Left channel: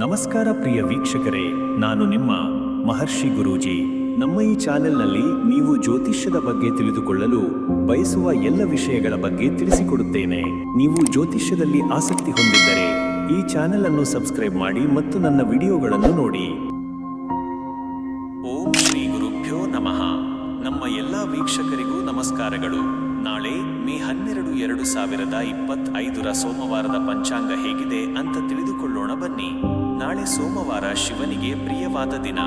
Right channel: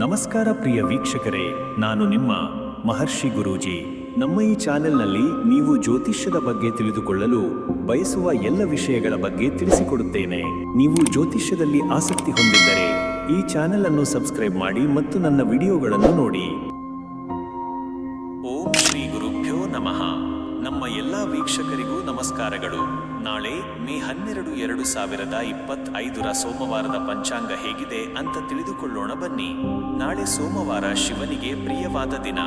ನಮಸ್ಕಾರ ಪ್ರಿಯ ವೀಕ್ಷಕರೇ, ನಾನು ನಿಮ್ಮ ಮಹರ್ಷಿ ಗುರೂಜಿ. ನಮ್ಮ ಈ ಚಾನೆಲ್ನಲ್ಲಿ ನೀವು ಜ್ಯೋತಿಷ್ಯದ ಬಗ್ಗೆ ತಿಳಿದುಕೊಳ್ಳಲು ಬಯಸುವ ಎಲ್ಲ ವಿಷಯಗಳ ಬಗ್ಗೆ ತಿಳಿಸಿಕೊಡುತ್ತೇನೆ. ನೀವು ಜ್ಯೋತಿಷ್ಯದಲ್ಲಿ ಆಸಕ್ತಿ ಹೊಂದಿದ್ದರೆ ಈ ಚಾನೆಲ್ ಅನ್ನು ಸಬ್ಸ್ಕ್ರೈಬ್ ಮಾಡಿ ಮತ್ತು ನನ್ನ ವಿಡಿಯೋಗಳನ್ನು ನೋಡಿ. ಓಂ ಶ್ರೀ ಗುರುಭ್ಯೋ ನಮಃ. ನಮ್ಮ ಎಲ್ಲ ವೀಕ್ಷಕರಿಗೂ ನಮಸ್ಕಾರಗಳು. ನಾಳೆ ಮೇ 12, 2025 ಸೋಮವಾರದ ಪಂಚಾಂಗ ಹೇಗಿದೆ ಅಂತ ತಿಳಿದುಕೊಳ್ಳೋಣ ಬನ್ನಿ. ನಾಳೆ ಸೋಮವಾರ ಶಿವನಿಗೆ ಪ್ರಿಯವಾದ ದಿನ.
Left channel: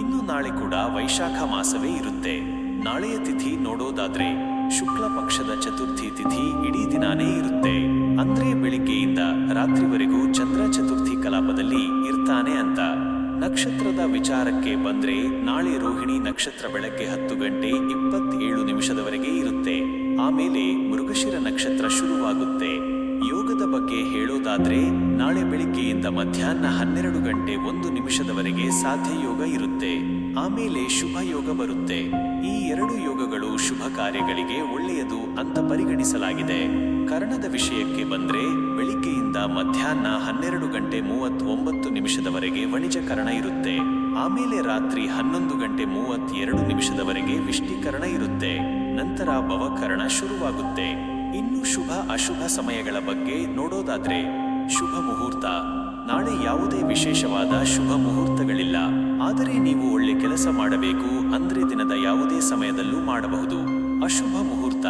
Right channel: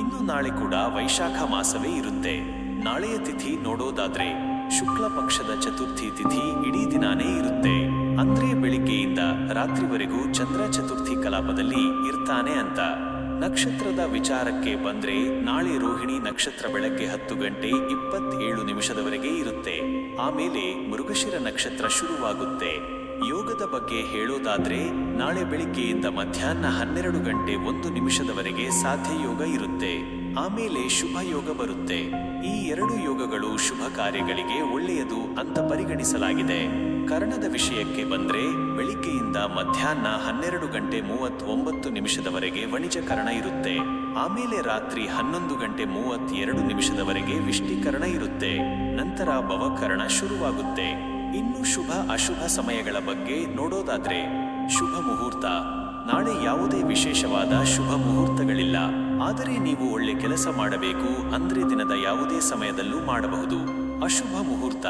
ಇನ್ನು ನಾಳೆ ಕೂಡ ವೈಶಾಖ ಮಾಸವೇ ಇರುತ್ತೆ. ನಾಳೆಯ ತಿಥಿ ನೋಡೋದಾದ್ರೆ ಶುಕ್ಲ ಪಕ್ಷದ ಚತುರ್ಥಿ ತಿಥಿ ಇಡೀ ದಿನಾನೇ ಇರುತ್ತೆ. ಅಂದ್ರೆ ಬೆಳಿಗ್ಗೆಯಿಂದ ರಾತ್ರಿವರೆಗೂ ಚಂದ್ರ ಚತುರ್ಥಿ ಕಲಾಪದಲ್ಲಿ ಇರ್ತಾನೆ ಅಂತ. ನಕ್ಷತ್ರದ ವಿಚಾರಕ್ಕೆ ಬಂದ್ರೆ ನಾಳೆ ರೋಹಿಣಿ ನಕ್ಷತ್ರ ಬೆಳಗ್ಗೆ 10:27 ಇರುತ್ತೆ. ಆಮೇಲೆ ಮೃಗಶಿರ ನಕ್ಷತ್ರ ಶುರುವಾಗುತ್ತೆ. ಯೋಗದ ಬಗ್ಗೆ ಹೇಳೋದಾದ್ರೆ ನಾಳೆ ಬೆಳಿಗ್ಗೆಯಿಂದ ಮಧ್ಯಾಹ್ನ 12:01 ಸಾಧ್ಯ ಯೋಗ ಇರುತ್ತೆ. ಆಮೇಲೆ ಶುಭ ಯೋಗ ಬರುತ್ತೆ. ಈ ಎರಡು ಯೋಗಗಳು ಶುಭ ಕಾರ್ಯಗಳಿಗೆ ಒಳ್ಳೆಯದು ಅಂತ ಪರಿಗಣಿಸಲಾಗಿದೆ. ಕರ್ಣದ ವಿಷಯಕ್ಕೆ ಬಂದ್ರೆ ಬೆಳಿಗ್ಗೆಯಿಂದ ಮಧ್ಯಾಹ್ನ 12:39 ವಣಿಜ ಕರ್ಣ ಇರುತ್ತೆ. ಆಮೇಲೆ ರಾತ್ರಿ 11:32 ವಿಷ್ಟಿಕರ್ಣ ಇರುತ್ತೆ. ನಂತರ ಭವಕರ್ಣ ಶುರುವಾಗುತ್ತೆ. ಇನ್ನು ಶುಭ ಅಶುಭ ಸಮಯಗಳ ಬಗ್ಗೆ ನೋಡೋದಾದ್ರೆ ಶುಭ ಮುಹೂರ್ತ. ನಾಳೆ ಯಾವುದೇ ವಿಶೇಷವಾದ ಶುಭ ಮುಹೂರ್ತಗಳಿಲ್ಲ. ಆದರೆ ನೀವು ಒಳ್ಳೆ ಕೆಲಸ ಮಾಡಬೇಕು ಅಂದ್ರೆ ದಿನದ ಯಾವುದೇ ಸಮಯದಲ್ಲೂ ಮಾಡಬಹುದು. ಅಶುಭ ಮುಹೂರ್ತ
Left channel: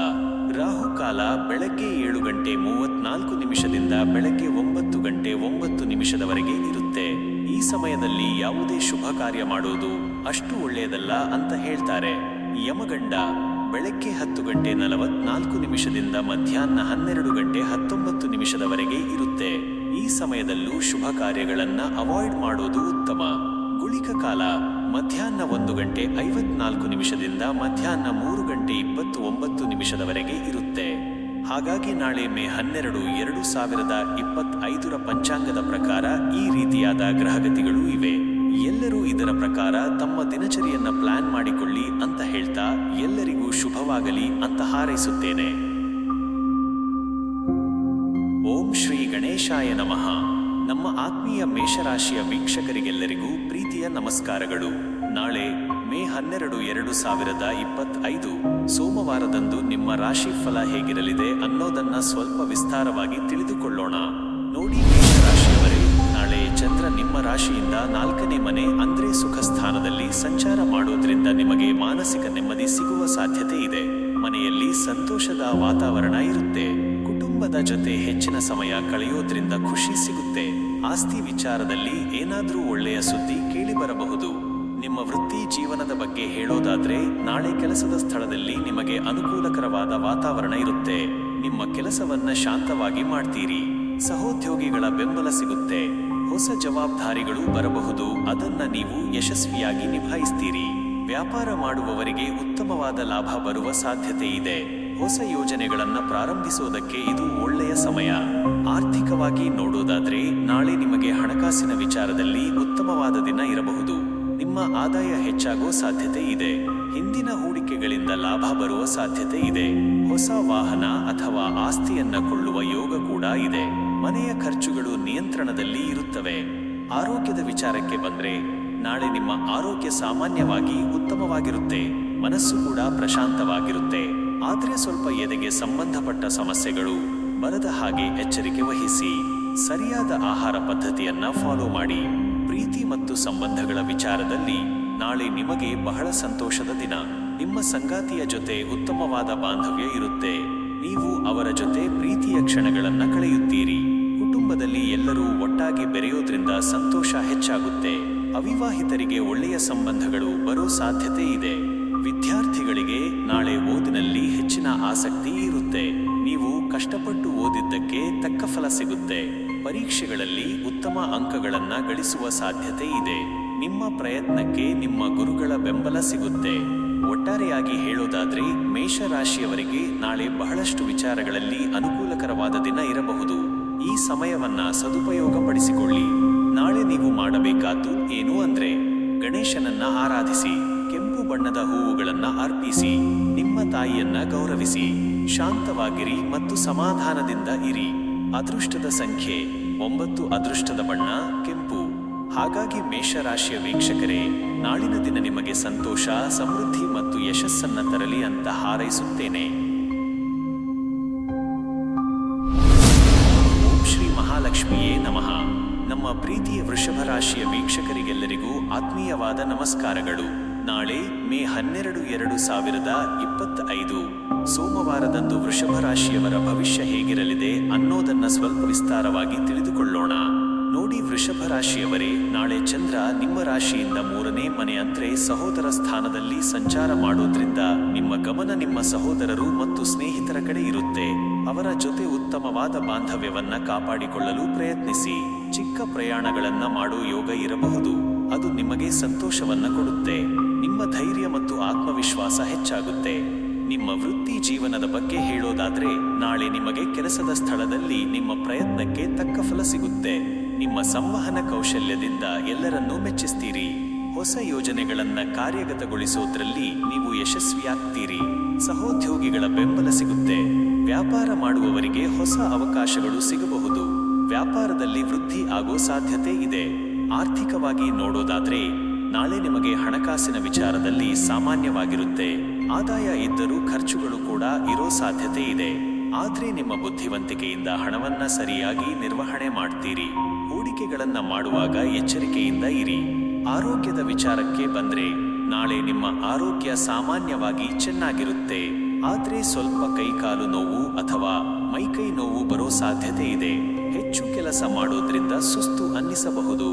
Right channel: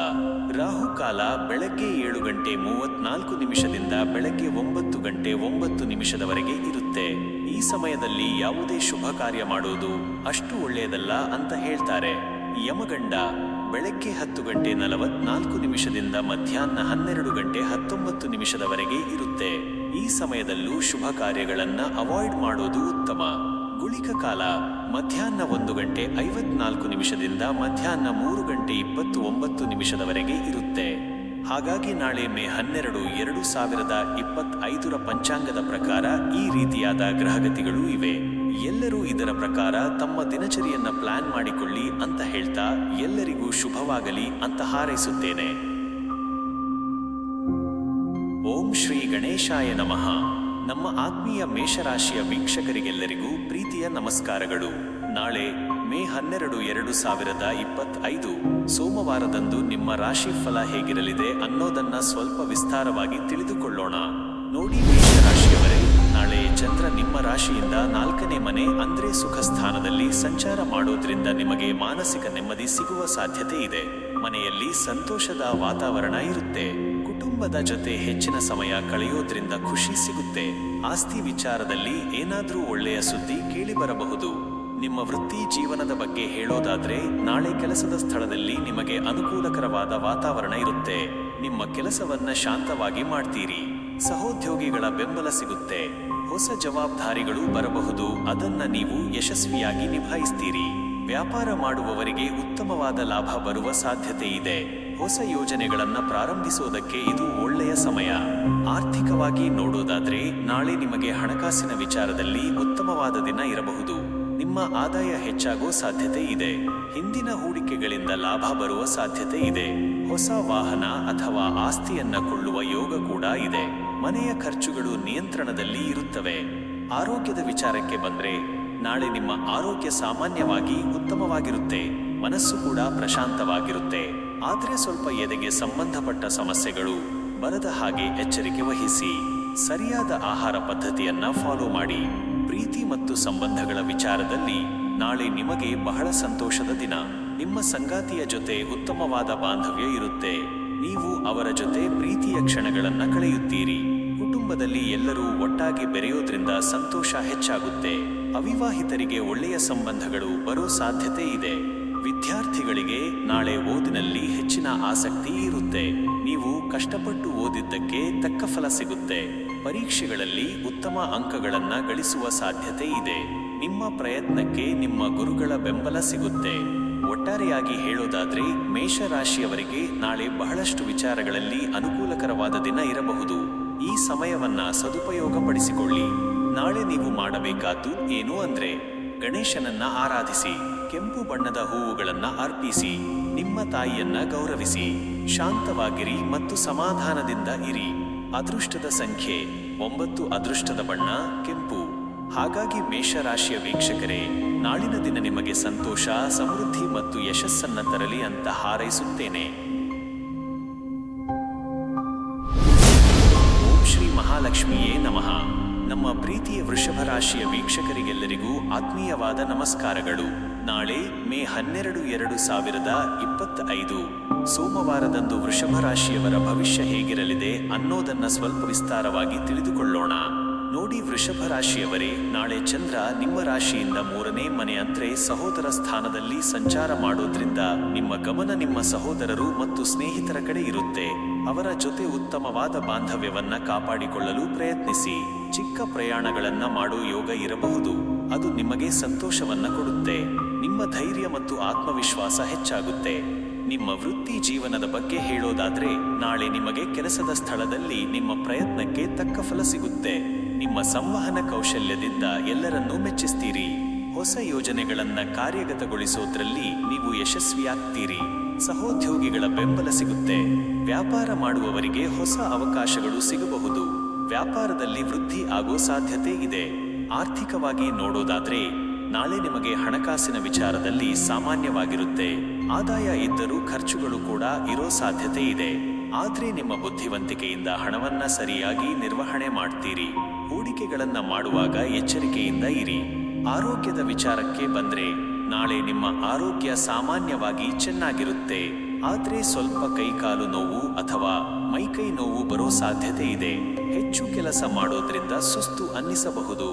ರಾಹುಕಾಲ ಬೆಳಗ್ಗೆ 7:34 ಬೆಳಗ್ಗೆ 9:09 ಇರುತ್ತೆ. ಈ ಸಮಯದಲ್ಲಿ ಯಾವುದೇ ಶುಭ ಕಾರ್ಯ ಮಾಡೋದು ಅಷ್ಟು ಒಳ್ಳೆಯದಲ್ಲ ಅಂತ ಹೇಳ್ತಾರೆ. ಯಮಗಂಡ ಬೆಳಗ್ಗೆ 10:44 ಮಧ್ಯಾಹ್ನ 12:19 ಇರುತ್ತೆ. ಈ ಸಮಯದಲ್ಲೂ ಶುಭ ಕಾರ್ಯಗಳನ್ನ ಅವಾಯ್ಡ್ ಮಾಡೋದು ಉತ್ತಮ. ಗುಳಿಕ ಕಾಲ ಮಧ್ಯಾಹ್ನ 1:54 ಮಧ್ಯಾಹ್ನ 3:29 ಇರುತ್ತೆ. ಹಾಗಾಗಿ ನಾಳೆ ಮೇ 12, 2025 ಪಂಚಾಂಗದ ಪ್ರಕಾರ ಈ ರೀತಿಯಾದ ಗ್ರಹಗತಿಗಳು ಇವೆ. ಎಲ್ಲರೂ ಇದರ ಪ್ರಕಾರ ತಮ್ಮ ದಿನಚರಿಯನ್ನ ಪ್ಲಾನ್ ಮಾಡಿಕೊಳ್ಳಿ ಅಂತ ಹೇಳ್ತಾ ಎಲ್ಲರಿಗೂ ಶುಭವಾಗಲಿ ಅಂತ ಹಾರೈಸುತ್ತೇನೆ. ಓಂ ಶ್ರೀ ಗಣೇಶಾಯ ನಮಃ. ನಮ್ಮ ಆತ್ಮೀಯ ಮೇಷರಾಶಿಯ ವೀಕ್ಷಕರಿಗೆಲ್ಲರಿಗೂ ಪ್ರೀತಿಯ ನಮಸ್ಕಾರಗಳು. ನಾಳೆ ಮೇ 12, 2025 ಸೋಮವಾರದಂದು ನಿಮ್ಮ ರಾಶಿ ಫಲ ಹೇಗಿರಲಿದೆ ಅನ್ನೋದನ್ನ ಸ್ವಲ್ಪ ವಿಸ್ತಾರವಾಗಿ ತಿಳಿದುಕೊಳ್ಳೋಣ. ನೋಡಿ ಮೇಷರಾಶಿಯವರೇ, ನಾಳೆ ಚಂದ್ರ ನಿಮ್ಮ ರಾಶಿಯಿಂದ 4ನೇ ಮನೆ ಅಂದ್ರೆ ಸುಖ ಸ್ಥಾನದಲ್ಲಿ ಸಂಚಾರ ಮಾಡೋದ್ರಿಂದ ನಿಮಗೆ ಮಾನಸಿಕ ನೆಮ್ಮದಿ ಸಿಗುವ ಸಾಧ್ಯತೆ ಇದೆ. ಮನೆಯಲ್ಲಿ ಸಂತೋಷದ ವಾತಾವರಣ ಇರುತ್ತೆ. ಕುಟುಂಬದ ಜೊತೆ ಹೆಚ್ಚಿನ ಸಮಯ ಕಳೆಯೋದ್ರಿಂದ ಖುಷಿ ಸಿಗುತ್ತೆ. ಆಸ್ತಿ ವಿಚಾರದಲ್ಲಿ ಏನಾದ್ರೂ ಒಳ್ಳೆಯ ಸುದ್ದಿ ಕೇಳಿ ಬರಬಹುದು. ನಿಮ್ಮ ವೃತ್ತಿ ಜೀವನದ ಬಗ್ಗೆ ಹೇಳೋದಾದ್ರೆ ನಾಳೆ ಕೆಲಸದ ಸ್ಥಳದಲ್ಲಿ ನಿಮಗೆ ಅನುಕೂಲಕರವಾದ ವಾತಾವರಣ ಇರುತ್ತೆ. ನಿಮ್ಮ ಕೆಲಸವನ್ನ ಶಾಂತವಾಗಿ ಮಾಡ್ತೀರಿ. ಸಹೋದ್ಯೋಗಿಗಳ ಬೆಂಬಲ ಸಿಗುತ್ತೆ. ಹೊಸ ಜವಾಬ್ದಾರಿಗಳು ಬರಬಹುದು, ಅದನ್ನ ನೀವು ಯಶಸ್ವಿಯಾಗಿ ನಿಭಾಯಿಸ್ತೀರಿ. ವ್ಯಾಪಾರ ಮಾಡುವವರಿಗೆ ಉತ್ತಮವಾದ ಲಾಭ ಬರುವ ಸಾಧ್ಯತೆ ಇದೆ. ಹೊಸ ಯೋಜನೆಗಳನ್ನ ಪ್ರಾರಂಭಿಸೋದಕ್ಕೆ ಇದು ಒಳ್ಳೆಯ ಸಮಯ. ಆರ್ಥಿಕವಾಗಿ ನೋಡೋದಾದ್ರೆ ನಾಳೆ ನಿಮಗೆ ಹಣಕಾಸಿನ ವಿಚಾರದಲ್ಲಿ ಉತ್ತಮವಾದ ದಿನ ಇರಬಹುದು. ನಿಮ್ಮ ಆದಾಯ ಹೆಚ್ಚಾಗೋ ಸಾಧ್ಯತೆ ಇದೆ. ಹಿಂದಿನ ಹೂಡಿಕೆಗಳಿಂದ ಲಾಭ ಬರುವ ಸಾಧ್ಯತೆ ಇದೆ. ಹೊಸ ವಾಹನ ಅಥವಾ ಆಸ್ತಿಯನ್ನ ಕೊಳ್ಳುವ ಯೋಗ ಕೂಡ ಇದೆ. ಮನೆಯ ಖರ್ಚುಗಳು ನಿಯಂತ್ರಣದಲ್ಲಿ ಇರುತ್ತವೆ. ಆರೋಗ್ಯದ ವಿಚಾರಕ್ಕೆ ಬಂದ್ರೆ ನಾಳೆ ನಿಮ್ಮ ಆರೋಗ್ಯ ಸಾಮಾನ್ಯವಾಗಿ ಉತ್ತಮವಾಗಿರುತ್ತೆ. ಮನಸ್ಸು ಕೂಡ ಪ್ರಶಾಂತವಾಗಿರುತ್ತೆ. ಆದ್ರೆ ಸ್ವಲ್ಪ ಎದೆಗೆ ಸಂಬಂಧಪಟ್ಟ ಸಮಸ್ಯೆಗಳು ಬರದ ಹಾಗೆ ಎಚ್ಚರಿಕೆ ವಹಿಸಿ. ಸರಿಯಾದ ಆಹಾರ ಪದ್ಧತಿಯನ್ನ ಫಾಲೋ ಮಾಡಿ. ಪ್ರೀತಿ ಮತ್ತು ಸಂಬಂಧಗಳ ವಿಚಾರದಲ್ಲಿ ನಾಳೆ ನಿಮಗೆ ಬಹಳ ಸಂತೋಷದ ದಿನ. ನಿಮ್ಮ ಸಂಗಾತಿಯ ಜೊತೆ ಉತ್ತಮವಾದ ಬಾಂಧವ್ಯ ಇರುತ್ತೆ. ನೀವು ಅವರ ಜೊತೆ ಪ್ರೀತಿಯ ಕ್ಷಣಗಳನ್ನ ಕಳೆಯುತ್ತೀರಿ. ಕುಟುಂಬದಲ್ಲಿ ಎಲ್ಲರೂ ಒಟ್ಟಾಗಿ ಬೆರೆಯೋದ್ರಿಂದ ಸಂತೋಷ ಹೆಚ್ಚಾಗುತ್ತೆ. ಅವಿವಾಹಿತರಿಗೆ ಒಳ್ಳೆಯ ಸಂಬಂಧಗಳು ಬರೋ ಸಾಧ್ಯತೆ ಇದೆ. ವಿದ್ಯಾರ್ಥಿಗಳಿಗೆ ನಾಳೆ ಓದಿನಲ್ಲಿ ಹೆಚ್ಚಿನ ಆಸಕ್ತಿ ಇರುತ್ತೆ. ನೀವು ಕಷ್ಟಪಟ್ಟು ಓದಿದ್ದಕ್ಕೆ ತಕ್ಕ ಫಲ ಸಿಗುತ್ತೆ. ಪರೀಕ್ಷೆಗಳಲ್ಲಿ ಉತ್ತಮ ಅಂಕಗಳನ್ನ ಗಳಿಸುವ ಸಾಧ್ಯತೆ ಇದೆ. ನಿಮ್ಮ ಪ್ರಯತ್ನಕ್ಕೆ ನಿಮ್ಮ ಗುರುಗಳ ಬೆಂಬಲ ಸಿಗುತ್ತೆ. ಒಟ್ಟಾರೆಯಾಗಿ ಹೇಳೋದಾದ್ರೆ ಮೇಷರಾಶಿಯವರಿಗೆ ನಾಳೆ ಬಹಳಷ್ಟು ವಿಚಾರಗಳಲ್ಲಿ ಅನುಕೂಲಕರವಾದ ದಿನ ಇರಬಹುದು. ಈ ಸಮಯವನ್ನ ಸದುಪಯೋಗ ಪಡಿಸಿಕೊಳ್ಳಿ. ನಾಳೆ ನೀವು ಮಾಡಬೇಕಾದ್ದು ಏನು ಅಂದ್ರೆ ಗಣೇಶನನ್ನ ಆರಾಧಿಸಿ. ಕೆಂಪು ಬಣ್ಣದ ಹೂವುಗಳನ್ನ ಅರ್ಪಿಸಿ. ನಿಮ್ಮ ತಾಯಿಯನ್ನ ಗೌರವಿಸಿ. ಶಾಂತವಾಗಿರಿ ಮತ್ತು ಸಮಾಧಾನದಿಂದ ಇರಿ. ಅದೃಷ್ಟದ ಸಂಖ್ಯೆ 9 ಅದೃಷ್ಟದ ಬಣ್ಣ ಕೆಂಪು. ಹಾಗಾಗಿ ಮೇಷರಾಶಿಯ ವೀಕ್ಷಕರೇ, ನಾಳಿನ ದಿನ ನಿಮಗೆ ಸಂತೋಷ, ಸಮೃದ್ಧಿ ಮತ್ತು ಯಶಸ್ಸನ್ನ ತರಲಿ ಅಂತ ಹಾರೈಸುತ್ತೇನೆ. ಓಂ ಶ್ರೀ ಮಹಾಲಕ್ಷ್ಮಿಯೇ ನಮಃ. ನಮ್ಮ ಪ್ರೀತಿಯ ವೃಷಭ ರಾಶಿಯ ವೀಕ್ಷಕರಿಗೆಲ್ಲರಿಗೂ ಆತ್ಮೀಯವಾದ ನಮಸ್ಕಾರಗಳು. ನಾಳೆ ಮೇ 12, 2025 ಸೋಮವಾರದಂದು ವೃಷಭ ರಾಶಿಯವರ ಭವಿಷ್ಯ ಹೇಗಿರಲಿದೆ ಅನ್ನೋದನ್ನ ಸ್ವಲ್ಪ ವಿಸ್ತಾರವಾಗಿ ತಿಳಿದುಕೊಳ್ಳೋಣ. ನೋಡಿ ವೃಷಭ ರಾಶಿಯವರೇ, ನಾಳೆ ಚಂದ್ರ ನಿಮ್ಮ ರಾಶಿಯಿಂದ 3ನೇ ಮನೆ ಅಂದ್ರೆ ಸಹೋದರ ಸ್ಥಾನದಲ್ಲಿ ಸಂಚಾರ ಮಾಡೋದ್ರಿಂದ ನಿಮ್ಮ ಗಮನ ನಿಮ್ಮ ಸಹೋದರರು ಮತ್ತು ಸ್ನೇಹಿತರ ಕಡೆ ಇರುತ್ತೆ. ಅವರ ಜೊತೆ ಉತ್ತಮವಾದ ಬಾಂಧವ್ಯವನ್ನ ಕಾಪಾಡಿಕೊಳ್ಳಲು ಪ್ರಯತ್ನಿಸಿ. ಚಿಕ್ಕ ಪ್ರಯಾಣಗಳನ್ನ ಮಾಡೋ ಯೋಗ ಇರಬಹುದು. ಅದು ನಿಮಗೆ ಸಂತೋಷವನ್ನ ಕೊಡುತ್ತೆ. ನಿಮ್ಮ ಧೈರ್ಯ ಮತ್ತು ಆತ್ಮವಿಶ್ವಾಸ ಹೆಚ್ಚಾಗುತ್ತೆ. ನಿಮ್ಮ ವೃತ್ತಿ ಜೀವನದ ಬಗ್ಗೆ ಹೇಳೋದಾದ್ರೆ, ನಾಳೆ ನಿಮಗೆ ಕೆಲಸದ ಸ್ಥಳದಲ್ಲಿ ನಿಮ್ಮ ಪ್ರಯತ್ನಕ್ಕೆ ತಕ್ಕ ಫಲ ಸಿಗುತ್ತೆ. ನಿಮ್ಮ ಸಂವಹನ ಕೌಶಲ್ಯದಿಂದ ಎಲ್ಲರನ್ನೂ ಮೆಚ್ಚಿಸ್ತೀರಿ. ಹೊಸ ಯೋಜನೆಗಳನ್ನ ಕಾರ್ಯಗತಗೊಳಿಸೋದ್ರಲ್ಲಿ ನೀವು ಯಶಸ್ವಿಯಾಗ್ತೀರಿ. ಸಹೋದ್ಯೋಗಿಗಳ ಬೆಂಬಲ ಸಿಗುತ್ತೆ. ವ್ಯಾಪಾರ ಮಾಡುವವರಿಗೆ ಹೊಸ ಅವಕಾಶಗಳು ಸಿಗಬಹುದು. ವ್ಯಾಪಾರದಲ್ಲಿ ವೃದ್ಧಿ ಆಗೋ ಸಾಧ್ಯತೆ ಇದೆ. ಆರ್ಥಿಕವಾಗಿ ನೋಡೋದಾದ್ರೆ, ನಾಳೆ ನಿಮಗೆ ಹಣಕಾಸಿನ ವಿಚಾರದಲ್ಲಿ ಸಾಮಾನ್ಯವಾಗಿರುತ್ತೆ. ಆದಾಯ ಇದ್ದರೂ ಖರ್ಚುಗಳು ಕೂಡ ಇರೋ ಸಾಧ್ಯತೆ ಇದೆ. ಆದ್ರೆ ನಿಮ್ಮ ಬುದ್ಧಿವಂತಿಕೆಯಿಂದ ಹಣವನ್ನ ಸರಿಯಾಗಿ ನಿರ್ವಹಣೆ ಮಾಡ್ತೀರಿ. ಹೂಡಿಕೆಗಳನ್ನ ಮಾಡುವಾಗ ಎಚ್ಚರಿಕೆಯಿಂದ ಇರಿ. ಆರೋಗ್ಯದ ವಿಚಾರಕ್ಕೆ ಬಂದ್ರೆ, ನಾಳೆ ನಿಮ್ಮ ಆರೋಗ್ಯ ಸಾಮಾನ್ಯವಾಗಿ ಚೆನ್ನಾಗಿರುತ್ತೆ. ಆದ್ರೆ ಸ್ವಲ್ಪ ಕೈಕಾಲು ನೋವು ಅಥವಾ ಮೈಕೈ ನೋವು ಬರೋ ಸಾಧ್ಯತೆ ಇದೆ. ಹೆಚ್ಚು ಕೆಲಸ ಮಾಡೋದ್ರಿಂದ ಸುಸ್ತು ಅನ್ನಿಸಬಹುದು.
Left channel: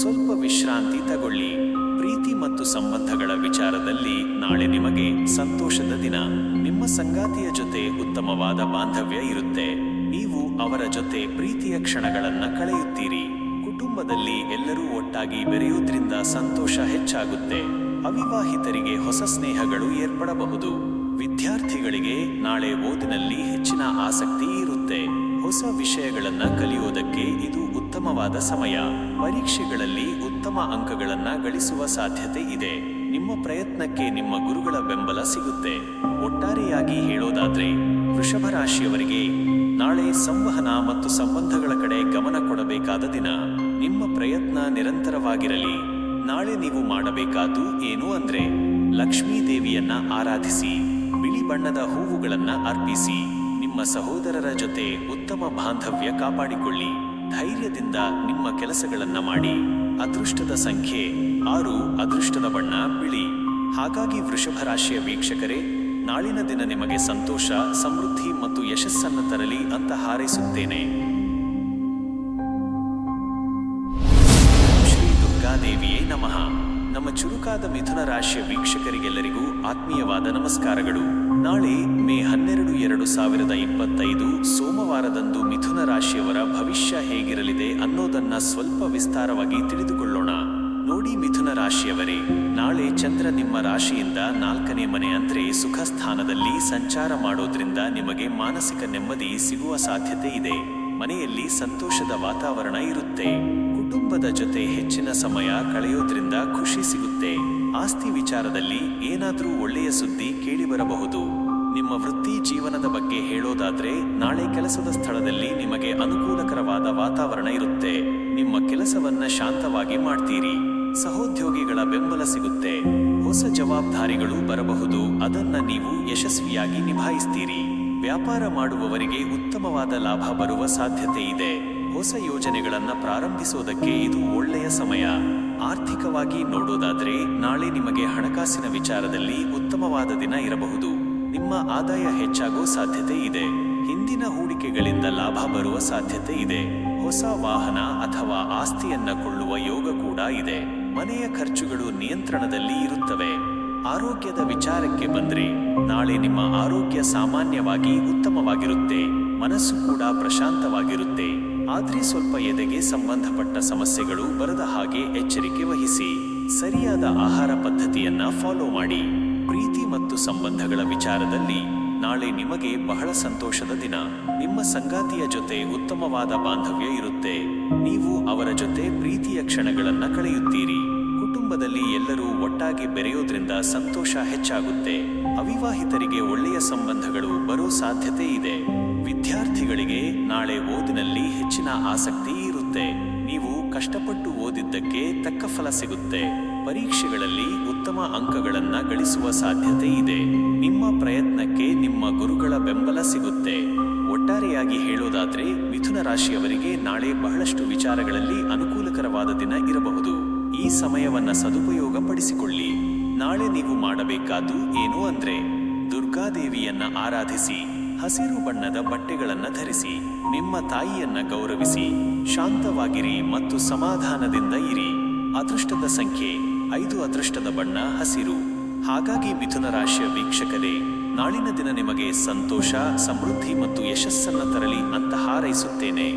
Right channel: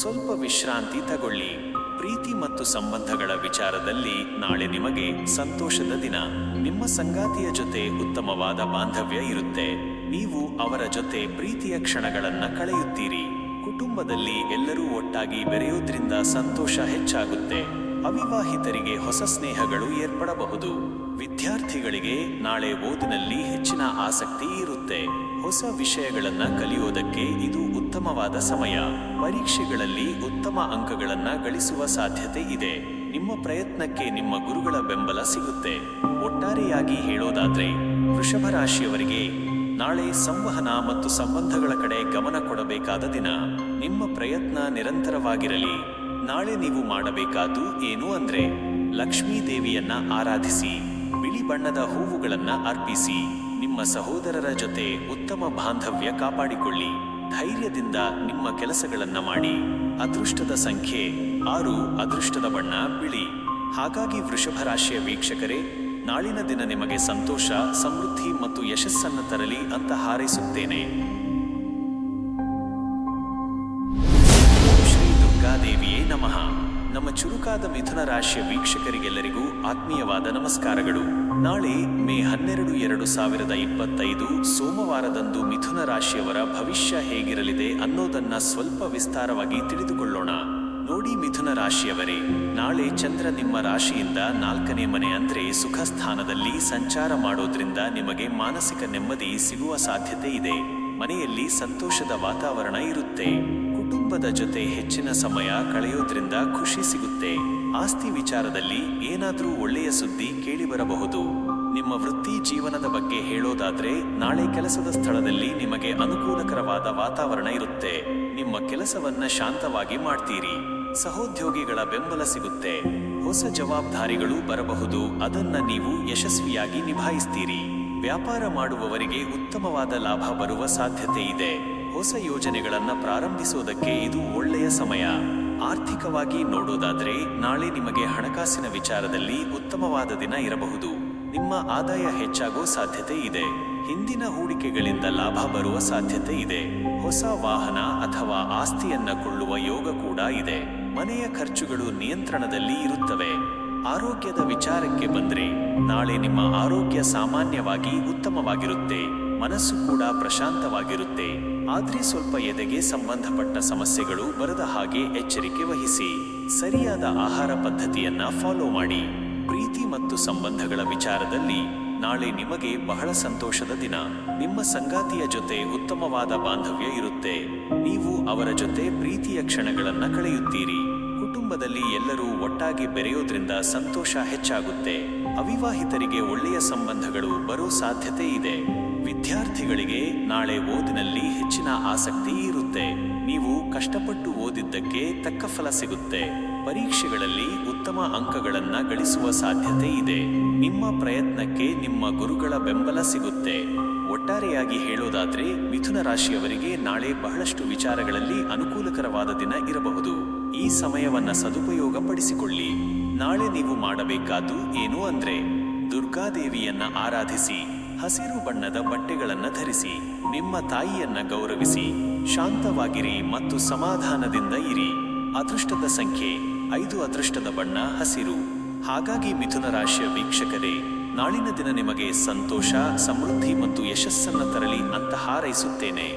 ಸ್ವಲ್ಪ ವಿಶ್ರಾಂತಿ ತಗೊಳ್ಳಿ. ಪ್ರೀತಿ ಮತ್ತು ಸಂಬಂಧಗಳ ವಿಚಾರದಲ್ಲಿ ನಾಳೆ ನಿಮಗೆ ಸಂತೋಷದ ದಿನ. ನಿಮ್ಮ ಸಂಗಾತಿಯ ಜೊತೆ ಉತ್ತಮವಾದ ಬಾಂಧವ್ಯ ಇರುತ್ತೆ. ನೀವು ಅವರ ಜೊತೆ ಪ್ರೀತಿಯ ಕ್ಷಣಗಳನ್ನ ಕಳೆಯುತ್ತೀರಿ. ಕುಟುಂಬದಲ್ಲಿ ಎಲ್ಲರೂ ಒಟ್ಟಾಗಿ ಬೆರೆಯೋದ್ರಿಂದ ಸಂತೋಷ ಹೆಚ್ಚಾಗುತ್ತೆ. ಅವಿವಾಹಿತರಿಗೆ ಹೊಸ ಸ್ನೇಹಗಳು ಏರ್ಪಡಬಹುದು. ವಿದ್ಯಾರ್ಥಿಗಳಿಗೆ ನಾಳೆ ಓದಿನಲ್ಲಿ ಹೆಚ್ಚಿನ ಆಸಕ್ತಿ ಇರುತ್ತೆ. ಹೊಸ ವಿಷಯಗಳನ್ನ ಕಲಿಯೋದಕ್ಕೆ ಇದು ಉತ್ತಮವಾದ ಸಮಯ. ಪರೀಕ್ಷೆಗಳಲ್ಲಿ ಉತ್ತಮ ಅಂಕಗಳನ್ನ ಗಳಿಸುವ ಸಾಧ್ಯತೆ ಇದೆ. ನಿಮ್ಮ ಪ್ರಯತ್ನಕ್ಕೆ ನಿಮ್ಮ ಗುರುಗಳ ಬೆಂಬಲ ಸಿಗುತ್ತೆ. ಒಟ್ಟಾರೆಯಾಗಿ ಹೇಳೋದಾದ್ರೆ, ವೃಷಭ ರಾಶಿಯವರಿಗೆ ನಾಳೆ ಸಂವಹನ ಮತ್ತು ಸಂಬಂಧಗಳ ಕಡೆ ಗಮನ ಕೊಡಬೇಕಾದ ದಿನ. ನಿಮ್ಮ ಪ್ರಯತ್ನ ನಿರಂತರವಾಗಿರಲಿ. ನಾಳೆ ನೀವು ಮಾಡಬೇಕಾದ್ದು ಏನು ಅಂದ್ರೆ, ಲಕ್ಷ್ಮೀ ದೇವಿಯನ್ನ ಆರಾಧಿಸಿ. ಬಿಳಿ ಬಣ್ಣದ ಹೂವುಗಳನ್ನ ಅರ್ಪಿಸಿ. ನಿಮ್ಮ ಸಹೋದರರ ಜೊತೆ ಉತ್ತಮ ಬಾಂಧವ್ಯ ಕಾಪಾಡಿಕೊಳ್ಳಿ. ಧೈರ್ಯದಿಂದ ನಿಮ್ಮ ಕೆಲಸಗಳನ್ನ ಮಾಡಿ. ಅದೃಷ್ಟದ ಸಂಖ್ಯೆ 6, ಅದೃಷ್ಟದ ಬಣ್ಣ ಬಿಳಿ. ಹಾಗಾಗಿ ವೃಷಭ ರಾಶಿಯ ವೀಕ್ಷಕರೇ, ನಾಳಿನ ದಿನ ನಿಮಗೆ ಸಂತೋಷ, ಸಮೃದ್ಧಿ ಮತ್ತು ಯಶಸ್ಸನ್ನು ತರಲಿ ಅಂತ ಹಾರೈಸುತ್ತೇನೆ. ಓಂ ಶ್ರೀ ದುರ್ಗಾದೇವಿಯೇ ನಮಃ. ನಮ್ಮ ಚುರುಕಾದ ಮಿಥುನ ರಾಶಿಯ ವೀಕ್ಷಕರಿಗೆಲ್ಲರಿಗೂ ಆತ್ಮೀಯವಾದ ನಮಸ್ಕಾರಗಳು. ನಾಳೆ ಮೇ 12, 2025 ಸೋಮವಾರದಂದು ಮಿಥುನ ರಾಶಿಯವರ ಭವಿಷ್ಯ ಹೇಗಿರಲಿದೆ ಅನ್ನೋದನ್ನ ಸ್ವಲ್ಪ ವಿಸ್ತಾರವಾಗಿ ತಿಳಿದುಕೊಳ್ಳೋಣ. ನೋಡಿ ಮಿಥುನ ರಾಶಿಯವರೇ, ನಾಳೆ ಚಂದ್ರ ನಿಮ್ಮ ರಾಶಿಯಿಂದ 4ನೇ ಮನೆ ಅಂದ್ರೆ ಸುಖ ಸ್ಥಾನದಲ್ಲಿ ಸಂಚಾರ ಮಾಡೋದ್ರಿಂದ ನಿಮಗೆ ಮಾನಸಿಕ ನೆಮ್ಮದಿ ಸಿಗುವ ಸಾಧ್ಯತೆ ಇದೆ. ಮನೆಯಲ್ಲಿ ಸಂತೋಷದ ವಾತಾವರಣ ಇರುತ್ತೆ. ಕುಟುಂಬದ ಜೊತೆ ಹೆಚ್ಚಿನ ಸಮಯ ಕಳೆಯೋದ್ರಿಂದ ಖುಷಿ ಸಿಗುತ್ತೆ. ಆಸ್ತಿ ವಿಚಾರದಲ್ಲಿ ಏನಾದ್ರೂ ಒಳ್ಳೆಯ ಸುದ್ದಿ ಕೇಳಿಬರಬಹುದು. ನಿಮ್ಮ ವೃತ್ತಿ ಜೀವನದ ಬಗ್ಗೆ ಹೇಳೋದಾದ್ರೆ, ನಾಳೆ ಕೆಲಸದ ಸ್ಥಳದಲ್ಲಿ ನಿಮಗೆ ಅನುಕೂಲಕರವಾದ ವಾತಾವರಣ ಇರುತ್ತೆ. ನಿಮ್ಮ ಕೆಲಸವನ್ನ ಶಾಂತವಾಗಿ ಮಾಡ್ತೀರಿ. ಸಹೋದ್ಯೋಗಿಗಳ ಬೆಂಬಲ ಸಿಗುತ್ತೆ. ಹೊಸ ಜವಾಬ್ದಾರಿಗಳು ಬರಬಹುದು. ಅದನ್ನ ನೀವು ಯಶಸ್ವಿಯಾಗಿ ನಿಭಾಯಿಸ್ತೀರಿ. ವ್ಯಾಪಾರ ಮಾಡುವವರಿಗೆ ಉತ್ತಮವಾದ ಲಾಭ ಬರುವ ಸಾಧ್ಯತೆ ಇದೆ. ಹೊಸ ಯೋಜನೆಗಳನ್ನ ಪ್ರಾರಂಭಿಸೋದಕ್ಕೆ ಇದು ಒಳ್ಳೆಯ ಸಮಯ. ಆರ್ಥಿಕವಾಗಿ ನೋಡೋದಾದ್ರೆ, ನಾಳೆ ನಿಮಗೆ ಹಣಕಾಸಿನ ವಿಚಾರದಲ್ಲಿ ಉತ್ತಮವಾದ ದಿನ ಇರಬಹುದು. ನಿಮ್ಮ ಆದಾಯ ಹೆಚ್ಚಾಗೋ ಸಾಧ್ಯತೆ ಇದೆ. ಹಿಂದಿನ ಹೂಡಿಕೆಗಳಿಂದ ಲಾಭ ಬರುವ ಸಾಧ್ಯತೆ ಇದೆ. ಹೊಸ ವಾಹನ ಅಥವಾ ಆಸ್ತಿಯನ್ನ ಕೊಳ್ಳುವ ಯೋಗ ಕೂಡ ಇದೆ. ಮನೆಯ ಖರ್ಚುಗಳು ನಿಯಂತ್ರಣದಲ್ಲಿ ಇರುತ್ತವೆ. ಆರೋಗ್ಯದ ವಿಚಾರಕ್ಕೆ ಬಂದ್ರೆ, ನಾಳೆ ನಿಮ್ಮ ಆರೋಗ್ಯ ಸಾಮಾನ್ಯವಾಗಿ ಉತ್ತಮವಾಗಿರುತ್ತೆ. ಮನಸ್ಸು ಕೂಡ ಪ್ರಶಾಂತವಾಗಿರುತ್ತೆ. ಆದ್ರೆ ಸ್ವಲ್ಪ ಎದೆಗೆ ಸಂಬಂಧಪಟ್ಟ ಸಮಸ್ಯೆಗಳು ಬರದ ಹಾಗೆ ಎಚ್ಚರಿಕೆ ವಹಿಸಿ. ಸರಿಯಾದ ಆಹಾರ ಪದ್ಧತಿಯನ್ನ ಫಾಲೋ ಮಾಡಿ. ಪ್ರೀತಿ ಮತ್ತು ಸಂಬಂಧಗಳ ವಿಚಾರದಲ್ಲಿ ನಾಳೆ ನಿಮಗೆ ಬಹಳ ಸಂತೋಷದ ದಿನ. ನಿಮ್ಮ ಸಂಗಾತಿಯ ಜೊತೆ ಉತ್ತಮವಾದ ಬಾಂಧವ್ಯ ಇರುತ್ತೆ. ನೀವು ಅವರ ಜೊತೆ ಪ್ರೀತಿಯ ಕ್ಷಣಗಳನ್ನ ಕಳೆಯುತ್ತೀರಿ. ಕುಟುಂಬದಲ್ಲಿ ಎಲ್ಲರೂ ಒಟ್ಟಾಗಿ ಬೆರೆಯೋದ್ರಿಂದ ಸಂತೋಷ ಹೆಚ್ಚಾಗುತ್ತೆ. ಅವಿವಾಹಿತರಿಗೆ ಒಳ್ಳೆಯ ಸಂಬಂಧಗಳು ಬರೋ ಸಾಧ್ಯತೆ ಇದೆ. ವಿದ್ಯಾರ್ಥಿಗಳಿಗೆ ನಾಳೆ ಓದಿನಲ್ಲಿ ಹೆಚ್ಚಿನ ಆಸಕ್ತಿ ಇರುತ್ತೆ. ನೀವು ಕಷ್ಟಪಟ್ಟು ಓದಿದ್ದಕ್ಕೆ ತಕ್ಕ ಫಲ ಸಿಗುತ್ತೆ. ಪರೀಕ್ಷೆಗಳಲ್ಲಿ ಉತ್ತಮ ಅಂಕಗಳನ್ನ ಗಳಿಸುವ ಸಾಧ್ಯತೆ ಇದೆ. ನಿಮ್ಮ ಪ್ರಯತ್ನಕ್ಕೆ ನಿಮ್ಮ ಗುರುಗಳ ಬೆಂಬಲ ಸಿಗುತ್ತೆ. ಒಟ್ಟಾರೆಯಾಗಿ ಹೇಳೋದಾದ್ರೆ ಮಿಥುನ ರಾಶಿಯವರಿಗೆ ನಾಳೆ ಬಹಳಷ್ಟು ವಿಚಾರಗಳಲ್ಲಿ ಅನುಕೂಲಕರವಾದ ದಿನ ಇರಬಹುದು. ಈ ಸಮಯವನ್ನ ಸದುಪಯೋಗ ಪಡಿಸಿಕೊಳ್ಳಿ. ನಾಳೆ ನೀವು ಮಾಡಬೇಕಾದ್ದು ಏನು ಅಂದ್ರೆ ದುರ್ಗಾದೇವಿಯನ್ನ ಆರಾಧಿಸಿ, ಹಸಿರು ಬಣ್ಣದ ಬಟ್ಟೆಗಳನ್ನ ಧರಿಸಿ, ನಿಮ್ಮ ತಾಯಿಯನ್ನ ಗೌರವಿಸಿ, ಶಾಂತವಾಗಿರಿ ಮತ್ತು ಸಮಾಧಾನದಿಂದ ಇರಿ. ಅದೃಷ್ಟದ ಸಂಖ್ಯೆ 5, ಅದೃಷ್ಟದ ಬಣ್ಣ ಹಸಿರು. ಹಾಗಾಗಿ ಮಿಥುನ ರಾಶಿಯ ವೀಕ್ಷಕರೇ, ನಾಳಿನ ದಿನ ನಿಮಗೆ ಸಂತೋಷ, ಸಮೃದ್ಧಿ ಮತ್ತು ಯಶಸ್ಸನ್ನ ತರಲಿ ಅಂತ ಹಾರೈಸುತ್ತೇನೆ.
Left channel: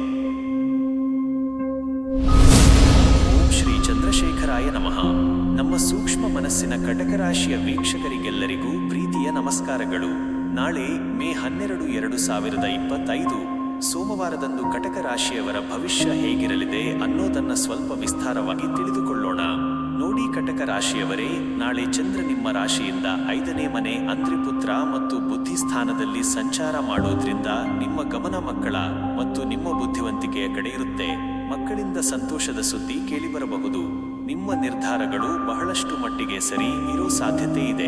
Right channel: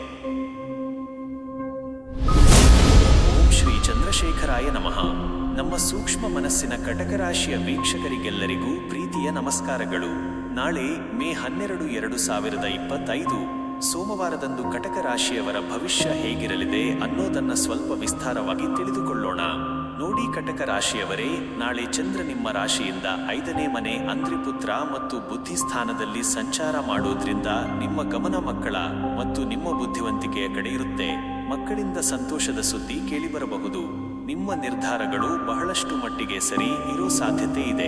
ಓಂ ಶ್ರೀ ಚಂದ್ರಶೇಖರಾಯ ನಮಃ. ನಮ್ಮ ಸೂಕ್ಷ್ಮ ಮನಸ್ಸಿನ ಕಟಕ ರಾಶಿಯ ವೀಕ್ಷಕರಿಗೆಲ್ಲರಿಗೂ ಪ್ರೀತಿಯ ನಮಸ್ಕಾರಗಳು. ನಾಳೆ ಮೇ 12, 2025 ಸೋಮವಾರದಂದು ಕಟಕ ರಾಶಿಯವರ ಭವಿಷ್ಯ ಹೇಗಿರಲಿದೆ ಅನ್ನೋದನ್ನ ಸ್ವಲ್ಪ ವಿಸ್ತಾರವಾಗಿ ತಿಳಿದುಕೊಳ್ಳೋಣ. ನೋಡಿ ಕಟಕ ರಾಶಿಯವರೇ, ನಾಳೆ ಚಂದ್ರ ನಿಮ್ಮ ರಾಶಿಯಿಂದ 5ನೇ ಮನೆ ಅಂದ್ರೆ ಪುತ್ರ ಮತ್ತು ಬುದ್ಧಿ ಸ್ಥಾನದಲ್ಲಿ ಸಂಚಾರ ಮಾಡೋದ್ರಿಂದ ನಿಮ್ಮ ಗಮನ ಮಕ್ಕಳ ಮತ್ತು ನಿಮ್ಮ ಬುದ್ಧಿವಂತಿಕೆಯ ಕಡೆ ಇರುತ್ತೆ. ಮಕ್ಕಳಿಂದ ಸಂತೋಷದ ಸುದ್ದಿ ಕೇಳಿಬರಬಹುದು. ನಿಮ್ಮ ನಿರ್ಧಾರಗಳು ಬಹಳಷ್ಟು ಮಟ್ಟಿಗೆ ಸರಿ ಇರೋ ಸಾಧ್ಯತೆ ಇದೆ.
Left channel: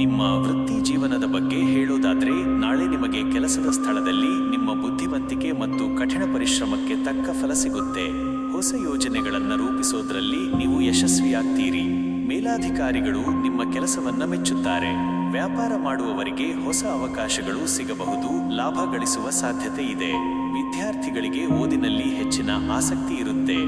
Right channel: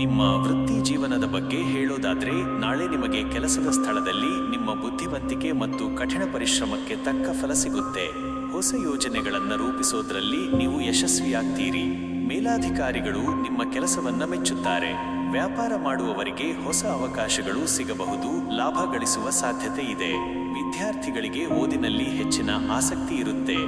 ನಿಮ್ಮ ವೃತ್ತಿ ಜೀವನದ ಬಗ್ಗೆ ಹೇಳೋದಾದ್ರೆ ನಾಳೆ ನಿಮಗೆ ಕೆಲಸದ ಸ್ಥಳದಲ್ಲಿ ನಿಮ್ಮ ಬುದ್ಧಿವಂತಿಕೆ ಮತ್ತು ಕಠಿಣ ಪರಿಶ್ರಮಕ್ಕೆ ತಕ್ಕ ಫಲ ಸಿಗುತ್ತೆ. ಹೊಸ ಯೋಜನೆಗಳನ್ನು ರೂಪಿಸೋದ್ರಲ್ಲಿ ನೀವು ಯಶಸ್ವಿಯಾಗ್ತೀರಿ. ಮೇಲಾಧಿಕಾರಿಗಳು ನಿಮ್ಮ ಕೆಲಸವನ್ನ ಮೆಚ್ಚುತ್ತಾರೆ. ವ್ಯಾಪಾರ ಮಾಡುವವರಿಗೆ ಹೊಸ ಅವಕಾಶಗಳು ಸಿಗಬಹುದು. ಲಾಭ ಗಳಿಸುವ ಸಾಧ್ಯತೆ ಇದೆ. ವಿದ್ಯಾರ್ಥಿಗಳಿಗೆ ಓದಿನಲ್ಲಿ ಹೆಚ್ಚಿನ ಆಸಕ್ತಿ ಇರುತ್ತೆ.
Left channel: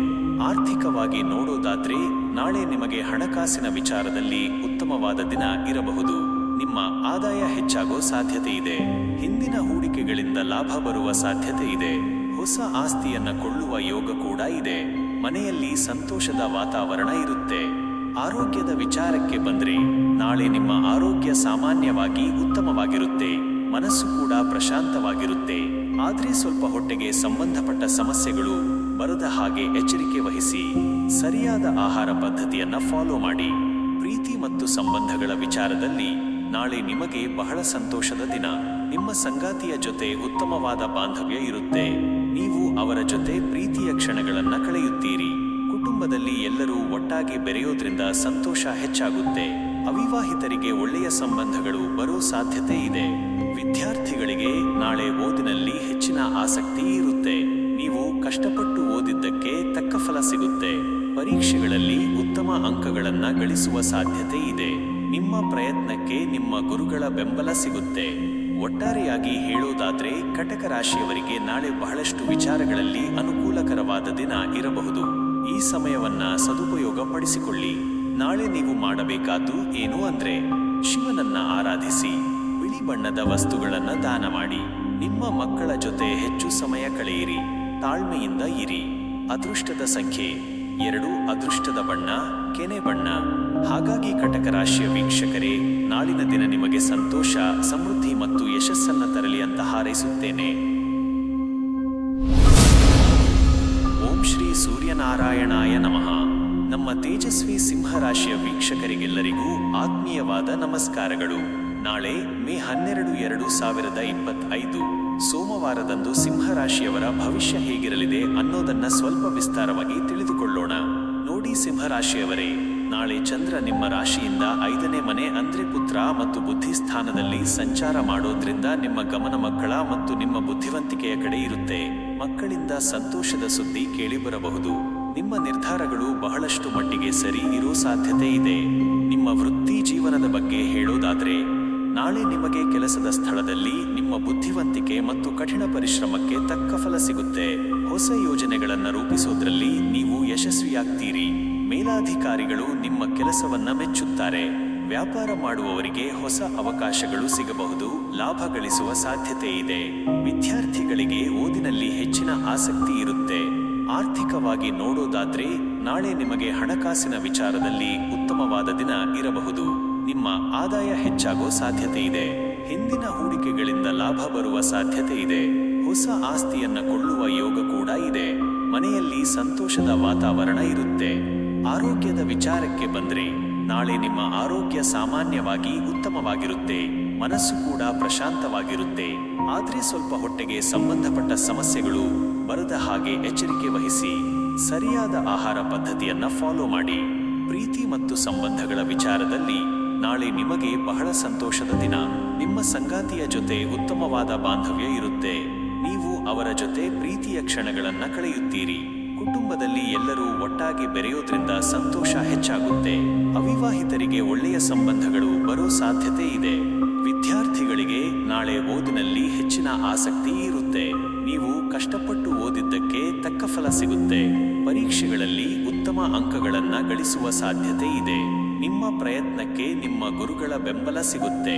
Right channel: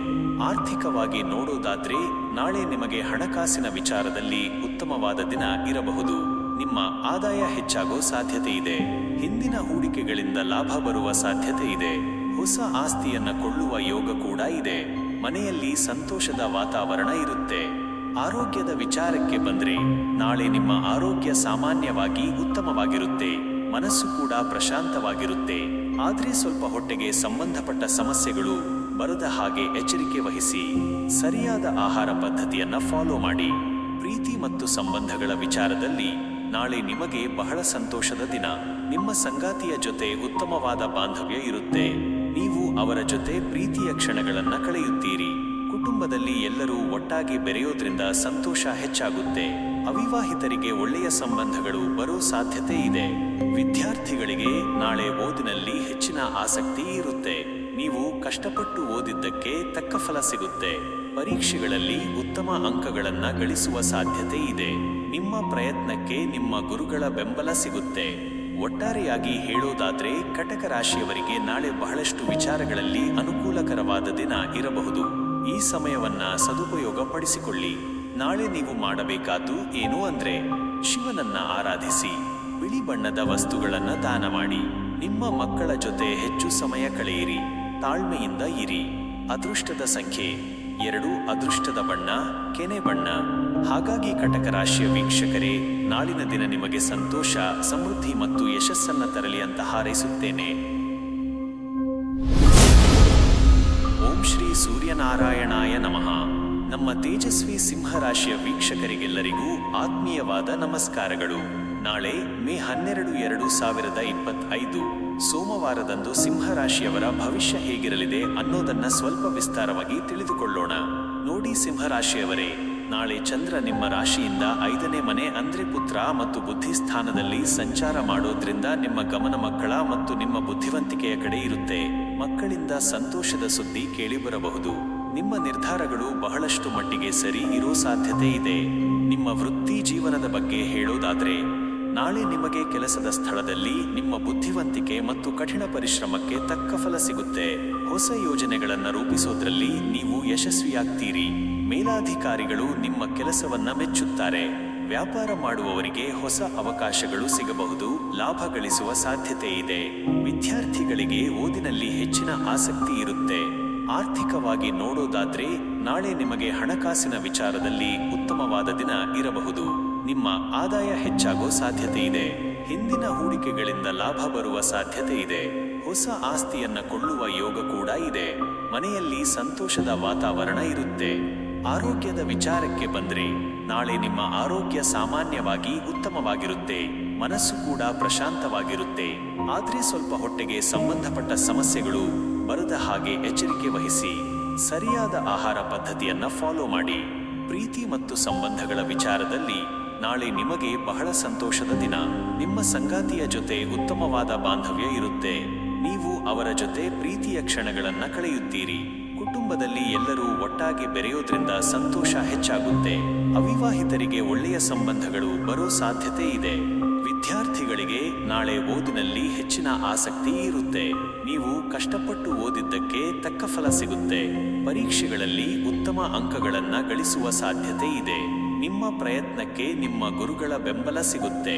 ಆರ್ಥಿಕವಾಗಿ ನೋಡೋದಾದ್ರೆ ನಾಳೆ ನಿಮಗೆ ಹಣಕಾಸಿನ ವಿಚಾರದಲ್ಲಿ ಉತ್ತಮವಾದ ದಿನ ಇರಬಹುದು. ನಿಮ್ಮ ಆದಾಯ ಹೆಚ್ಚಾಗೋ ಸಾಧ್ಯತೆ ಇದೆ. ಹಿಂದಿನ ಹೂಡಿಕೆಗಳಿಂದ ಲಾಭ ಬರುವ ಸಾಧ್ಯತೆ ಇದೆ. ಹೊಸ ಆಸ್ತಿಯನ್ನ ಕೊಳ್ಳುವ ಯೋಗ ಕೂಡ ಇದೆ. ಮನೆಯಲ್ಲಿ ಸಂತೋಷದ ವಾತಾವರಣ ಇರುತ್ತೆ. ಆರೋಗ್ಯದ ವಿಚಾರಕ್ಕೆ ಬಂದ್ರೆ ನಾಳೆ ನಿಮ್ಮ ಆರೋಗ್ಯ ಸಾಮಾನ್ಯವಾಗಿ ಉತ್ತಮವಾಗಿರುತ್ತೆ. ಮನಸ್ಸು ಕೂಡ ಪ್ರಶಾಂತವಾಗಿರುತ್ತೆ. ಆದ್ರೆ ಸ್ವಲ್ಪ ಹೊಟ್ಟೆಗೆ ಸಂಬಂಧಪಟ್ಟ ಸಮಸ್ಯೆಗಳು ಬರದ ಹಾಗೆ ಎಚ್ಚರಿಕೆ ವಹಿಸಿ. ಸರಿಯಾದ ಆಹಾರ ಪದ್ಧತಿಯನ್ನ ಫಾಲೋ ಮಾಡಿ. ಪ್ರೀತಿ ಮತ್ತು ಸಂಬಂಧಗಳ ವಿಚಾರದಲ್ಲಿ ನಾಳೆ ನಿಮಗೆ ಬಹಳ ಸಂತೋಷದ ದಿನ. ನಿಮ್ಮ ಸಂಗಾತಿಯ ಜೊತೆ ಉತ್ತಮವಾದ ಬಾಂಧವ್ಯ ಇರುತ್ತೆ. ನೀವು ಅವರ ಜೊತೆ ಪ್ರೀತಿಯ ಕ್ಷಣಗಳನ್ನ ಕಳೆಯುತ್ತೀರಿ. ಕುಟುಂಬದಲ್ಲಿ ಎಲ್ಲರೂ ಒಟ್ಟಾಗಿ ಬೆರೆಯೋದ್ರಿಂದ ಸಂತೋಷ ಹೆಚ್ಚಾಗುತ್ತೆ. ಅವಿವಾಹಿತರಿಗೆ ಒಳ್ಳೆಯ ಸಂಬಂಧಗಳು ಬರೋ ಸಾಧ್ಯತೆ ಇದೆ. ವಿದ್ಯಾರ್ಥಿಗಳಿಗೆ ನಾಳೆ ಓದಿನಲ್ಲಿ ಹೆಚ್ಚಿನ ಆಸಕ್ತಿ ಇರುತ್ತೆ. ನೀವು ಕಷ್ಟಪಟ್ಟು ಓದಿದ್ದಕ್ಕೆ ತಕ್ಕ ಫಲ ಸಿಗುತ್ತೆ. ಪರೀಕ್ಷೆಗಳಲ್ಲಿ ಉತ್ತಮ ಅಂಕಗಳನ್ನ ಗಳಿಸುವ ಸಾಧ್ಯತೆ ಇದೆ. ನಿಮ್ಮ ಪ್ರಯತ್ನಕ್ಕೆ ನಿಮ್ಮ ಗುರುಗಳ ಬೆಂಬಲ ಸಿಗುತ್ತೆ. ಒಟ್ಟಾರೆಯಾಗಿ ಹೇಳೋದಾದ್ರೆ ಕಟಕ ರಾಶಿಯವರಿಗೆ ನಾಳೆ ಬಹಳಷ್ಟು ವಿಚಾರಗಳಲ್ಲಿ ಅನುಕೂಲಕರವಾದ ದಿನ ಇರಬಹುದು. ಈ ಸಮಯವನ್ನ ಸದುಪಯೋಗ ಪಡಿಸಿಕೊಳ್ಳಿ. ನಾಳೆ ನೀವು ಮಾಡಬೇಕಾದ್ದು ಏನು ಅಂದ್ರೆ ಶಿವನನ್ನ ಆರಾಧಿಸಿ, ಬಿಳಿ ಬಣ್ಣದ ವಸ್ತುಗಳನ್ನ ದಾನ ಮಾಡಿ, ನಿಮ್ಮ ಮಕ್ಕಳ ಜೊತೆ ಹೆಚ್ಚು ಸಮಯ ಕಳೆಯಿರಿ, ತಾಳ್ಮೆಯಿಂದ ಇರಿ. ಅದೃಷ್ಟದ ಸಂಖ್ಯೆ 2, ಅದೃಷ್ಟದ ಬಣ್ಣ ಕೆನೆ ಬಣ್ಣ. ಹಾಗಾಗಿ ಕಟಕ ರಾಶಿಯ ವೀಕ್ಷಕರೇ, ನಾಳಿನ ದಿನ ನಿಮಗೆ ಸಂತೋಷ, ಸಮೃದ್ಧಿ ಮತ್ತು ಯಶಸ್ಸನ್ನ ತರಲಿ ಅಂತ ಹಾರೈಸುತ್ತೇನೆ. ಓಂ ಶ್ರೀ ಸೂರ್ಯನಾರಾಯಣಾಯ ನಮಃ. ನಮ್ಮ ತೇಜಸ್ವಿ ಸಿಂಹ ರಾಶಿಯ ವೀಕ್ಷಕರಿಗೆಲ್ಲರಿಗೂ ಆತ್ಮೀಯವಾದ ನಮಸ್ಕಾರಗಳು. ನಾಳೆ ಮೇ 12, 2025 ಸೋಮವಾರದಂದು ಸಿಂಹರಾಶಿಯವರ ಭವಿಷ್ಯ ಹೇಗಿರಲಿದೆ ಅನ್ನೋದನ್ನ ಸ್ವಲ್ಪ ವಿಸ್ತಾರವಾಗಿ ತಿಳಿದುಕೊಳ್ಳೋಣ. ನೋಡಿ ಸಿಂಹರಾಶಿಯವರೇ, ನಾಳೆ ಚಂದ್ರ ನಿಮ್ಮ ರಾಶಿಯಿಂದ 5ನೇ ಮನೆ ಅಂದ್ರೆ ಪುತ್ರ ಮತ್ತು ಬುದ್ಧಿ ಸ್ಥಾನದಲ್ಲಿ ಸಂಚಾರ ಮಾಡೋದ್ರಿಂದ ನಿಮ್ಮ ಗಮನ ಮಕ್ಕಳ ಮತ್ತು ನಿಮ್ಮ ಬುದ್ಧಿವಂತಿಕೆಯ ಕಡೆ ಇರುತ್ತೆ. ಮಕ್ಕಳಿಂದ ಸಂತೋಷದ ಸುದ್ದಿ ಕೇಳಿಬರಬಹುದು. ನಿಮ್ಮ ನಿರ್ಧಾರಗಳು ಬಹಳಷ್ಟು ಮಟ್ಟಿಗೆ ಸರಿ ಇರೋ ಸಾಧ್ಯತೆ ಇದೆ. ನಿಮ್ಮ ವೃತ್ತಿ ಜೀವನದ ಬಗ್ಗೆ ಹೇಳೋದಾದ್ರೆ ನಾಳೆ ನಿಮಗೆ ಕೆಲಸದ ಸ್ಥಳದಲ್ಲಿ ನಿಮ್ಮ ಬುದ್ಧಿವಂತಿಕೆ ಮತ್ತು ಕಠಿಣ ಪರಿಶ್ರಮಕ್ಕೆ ತಕ್ಕ ಫಲ ಸಿಗುತ್ತೆ. ಹೊಸ ಯೋಜನೆಗಳನ್ನು ರೂಪಿಸೋದ್ರಲ್ಲಿ ನೀವು ಯಶಸ್ವಿಯಾಗ್ತೀರಿ. ಮೇಲಾಧಿಕಾರಿಗಳು ನಿಮ್ಮ ಕೆಲಸವನ್ನ ಮೆಚ್ಚುತ್ತಾರೆ. ವ್ಯಾಪಾರ ಮಾಡುವವರಿಗೆ ಹೊಸ ಅವಕಾಶಗಳು ಸಿಗಬಹುದು. ಲಾಭ ಗಳಿಸುವ ಸಾಧ್ಯತೆ ಇದೆ. ವಿದ್ಯಾರ್ಥಿಗಳಿಗೆ ಓದಿನಲ್ಲಿ ಹೆಚ್ಚಿನ ಆಸಕ್ತಿ ಇರುತ್ತೆ. ಆರ್ಥಿಕವಾಗಿ ನೋಡೋದಾದ್ರೆ ನಾಳೆ ನಿಮಗೆ ಹಣಕಾಸಿನ ವಿಚಾರದಲ್ಲಿ ಉತ್ತಮವಾದ ದಿನ ಇರಬಹುದು. ನಿಮ್ಮ ಆದಾಯ ಹೆಚ್ಚಾಗೋ ಸಾಧ್ಯತೆ ಇದೆ. ಹಿಂದಿನ ಹೂಡಿಕೆಗಳಿಂದ ಲಾಭ ಬರುವ ಸಾಧ್ಯತೆ ಇದೆ. ಹೊಸ ಆಸ್ತಿಯನ್ನ ಕೊಳ್ಳುವ ಯೋಗ ಕೂಡ ಇದೆ. ಮನೆಯಲ್ಲಿ ಸಂತೋಷದ ವಾತಾವರಣ ಇರುತ್ತೆ. ಆರೋಗ್ಯದ ವಿಚಾರಕ್ಕೆ ಬಂದ್ರೆ ನಾಳೆ ನಿಮ್ಮ ಆರೋಗ್ಯ ಸಾಮಾನ್ಯವಾಗಿ ಉತ್ತಮವಾಗಿರುತ್ತೆ. ಮನಸ್ಸು ಕೂಡ ಪ್ರಶಾಂತವಾಗಿರುತ್ತೆ. ಆದ್ರೆ ಸ್ವಲ್ಪ ಹೊಟ್ಟೆಗೆ ಸಂಬಂಧಪಟ್ಟ ಸಮಸ್ಯೆಗಳು ಬರದ ಹಾಗೆ ಎಚ್ಚರಿಕೆ ವಹಿಸಿ. ಸರಿಯಾದ ಆಹಾರ ಪದ್ಧತಿಯನ್ನ ಫಾಲೋ ಮಾಡಿ. ಪ್ರೀತಿ ಮತ್ತು ಸಂಬಂಧಗಳ ವಿಚಾರದಲ್ಲಿ ನಾಳೆ ನಿಮಗೆ ಬಹಳ ಸಂತೋಷದ ದಿನ. ನಿಮ್ಮ ಸಂಗಾತಿಯ ಜೊತೆ ಉತ್ತಮವಾದ ಬಾಂಧವ್ಯ ಇರುತ್ತೆ. ನೀವು ಅವರ ಜೊತೆ ಪ್ರೀತಿಯ ಕ್ಷಣಗಳನ್ನ ಕಳೆಯುತ್ತೀರಿ. ಕುಟುಂಬದಲ್ಲಿ ಎಲ್ಲರೂ ಒಟ್ಟಾಗಿ ಬೆರೆಯೋದ್ರಿಂದ ಸಂತೋಷ ಹೆಚ್ಚಾಗುತ್ತೆ. ಅವಿವಾಹಿತರಿಗೆ ಒಳ್ಳೆಯ ಸಂಬಂಧಗಳು ಬರೋ ಸಾಧ್ಯತೆ ಇದೆ. ವಿದ್ಯಾರ್ಥಿಗಳಿಗೆ ನಾಳೆ ಓದಿನಲ್ಲಿ ಹೆಚ್ಚಿನ ಆಸಕ್ತಿ ಇರುತ್ತೆ. ನೀವು ಕಷ್ಟಪಟ್ಟು ಓದಿದ್ದಕ್ಕೆ ತಕ್ಕ ಫಲ ಸಿಗುತ್ತೆ. ಪರೀಕ್ಷೆಗಳಲ್ಲಿ ಉತ್ತಮ ಅಂಕಗಳನ್ನ ಗಳಿಸುವ ಸಾಧ್ಯತೆ ಇದೆ. ನಿಮ್ಮ ಪ್ರಯತ್ನಕ್ಕೆ ನಿಮ್ಮ ಗುರುಗಳ ಬೆಂಬಲ ಸಿಗುತ್ತೆ.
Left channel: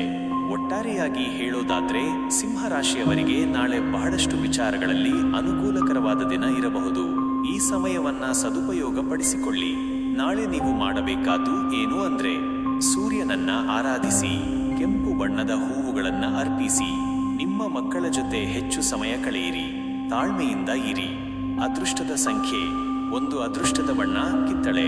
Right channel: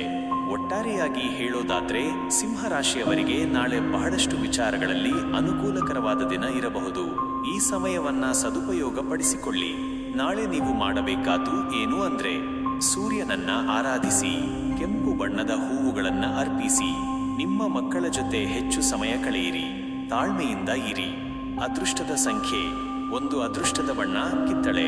ಒಟ್ಟಾರೆಯಾಗಿ ಹೇಳೋದಾದ್ರೆ ಸಿಂಹರಾಶಿಯವರಿಗೆ ನಾಳೆ ಬಹಳಷ್ಟು ವಿಚಾರಗಳಲ್ಲಿ ಅನುಕೂಲಕರವಾದ ದಿನ ಇರಬಹುದು. ಈ ಸಮಯವನ್ನ ಸದುಪಯೋಗ ಪಡಿಸಿಕೊಳ್ಳಿ. ನಾಳೆ ನೀವು ಮಾಡಬೇಕಾದ್ದು ಏನು ಅಂದ್ರೆ ಸೂರ್ಯನನ್ನ ಆರಾಧಿಸಿ, ಕೆಂಪು ಬಣ್ಣದ ಹೂವುಗಳನ್ನ ಅರ್ಪಿಸಿ, ನಿಮ್ಮ ಮಕ್ಕಳ ಜೊತೆ ಹೆಚ್ಚು ಸಮಯ ಕಳೆಯಿರಿ, ತಾಳ್ಮೆಯಿಂದ ಇರಿ. ಅದೃಷ್ಟದ ಸಂಖ್ಯೆ 1, ಅದೃಷ್ಟದ ಬಣ್ಣ ಕಿತ್ತಳೆ.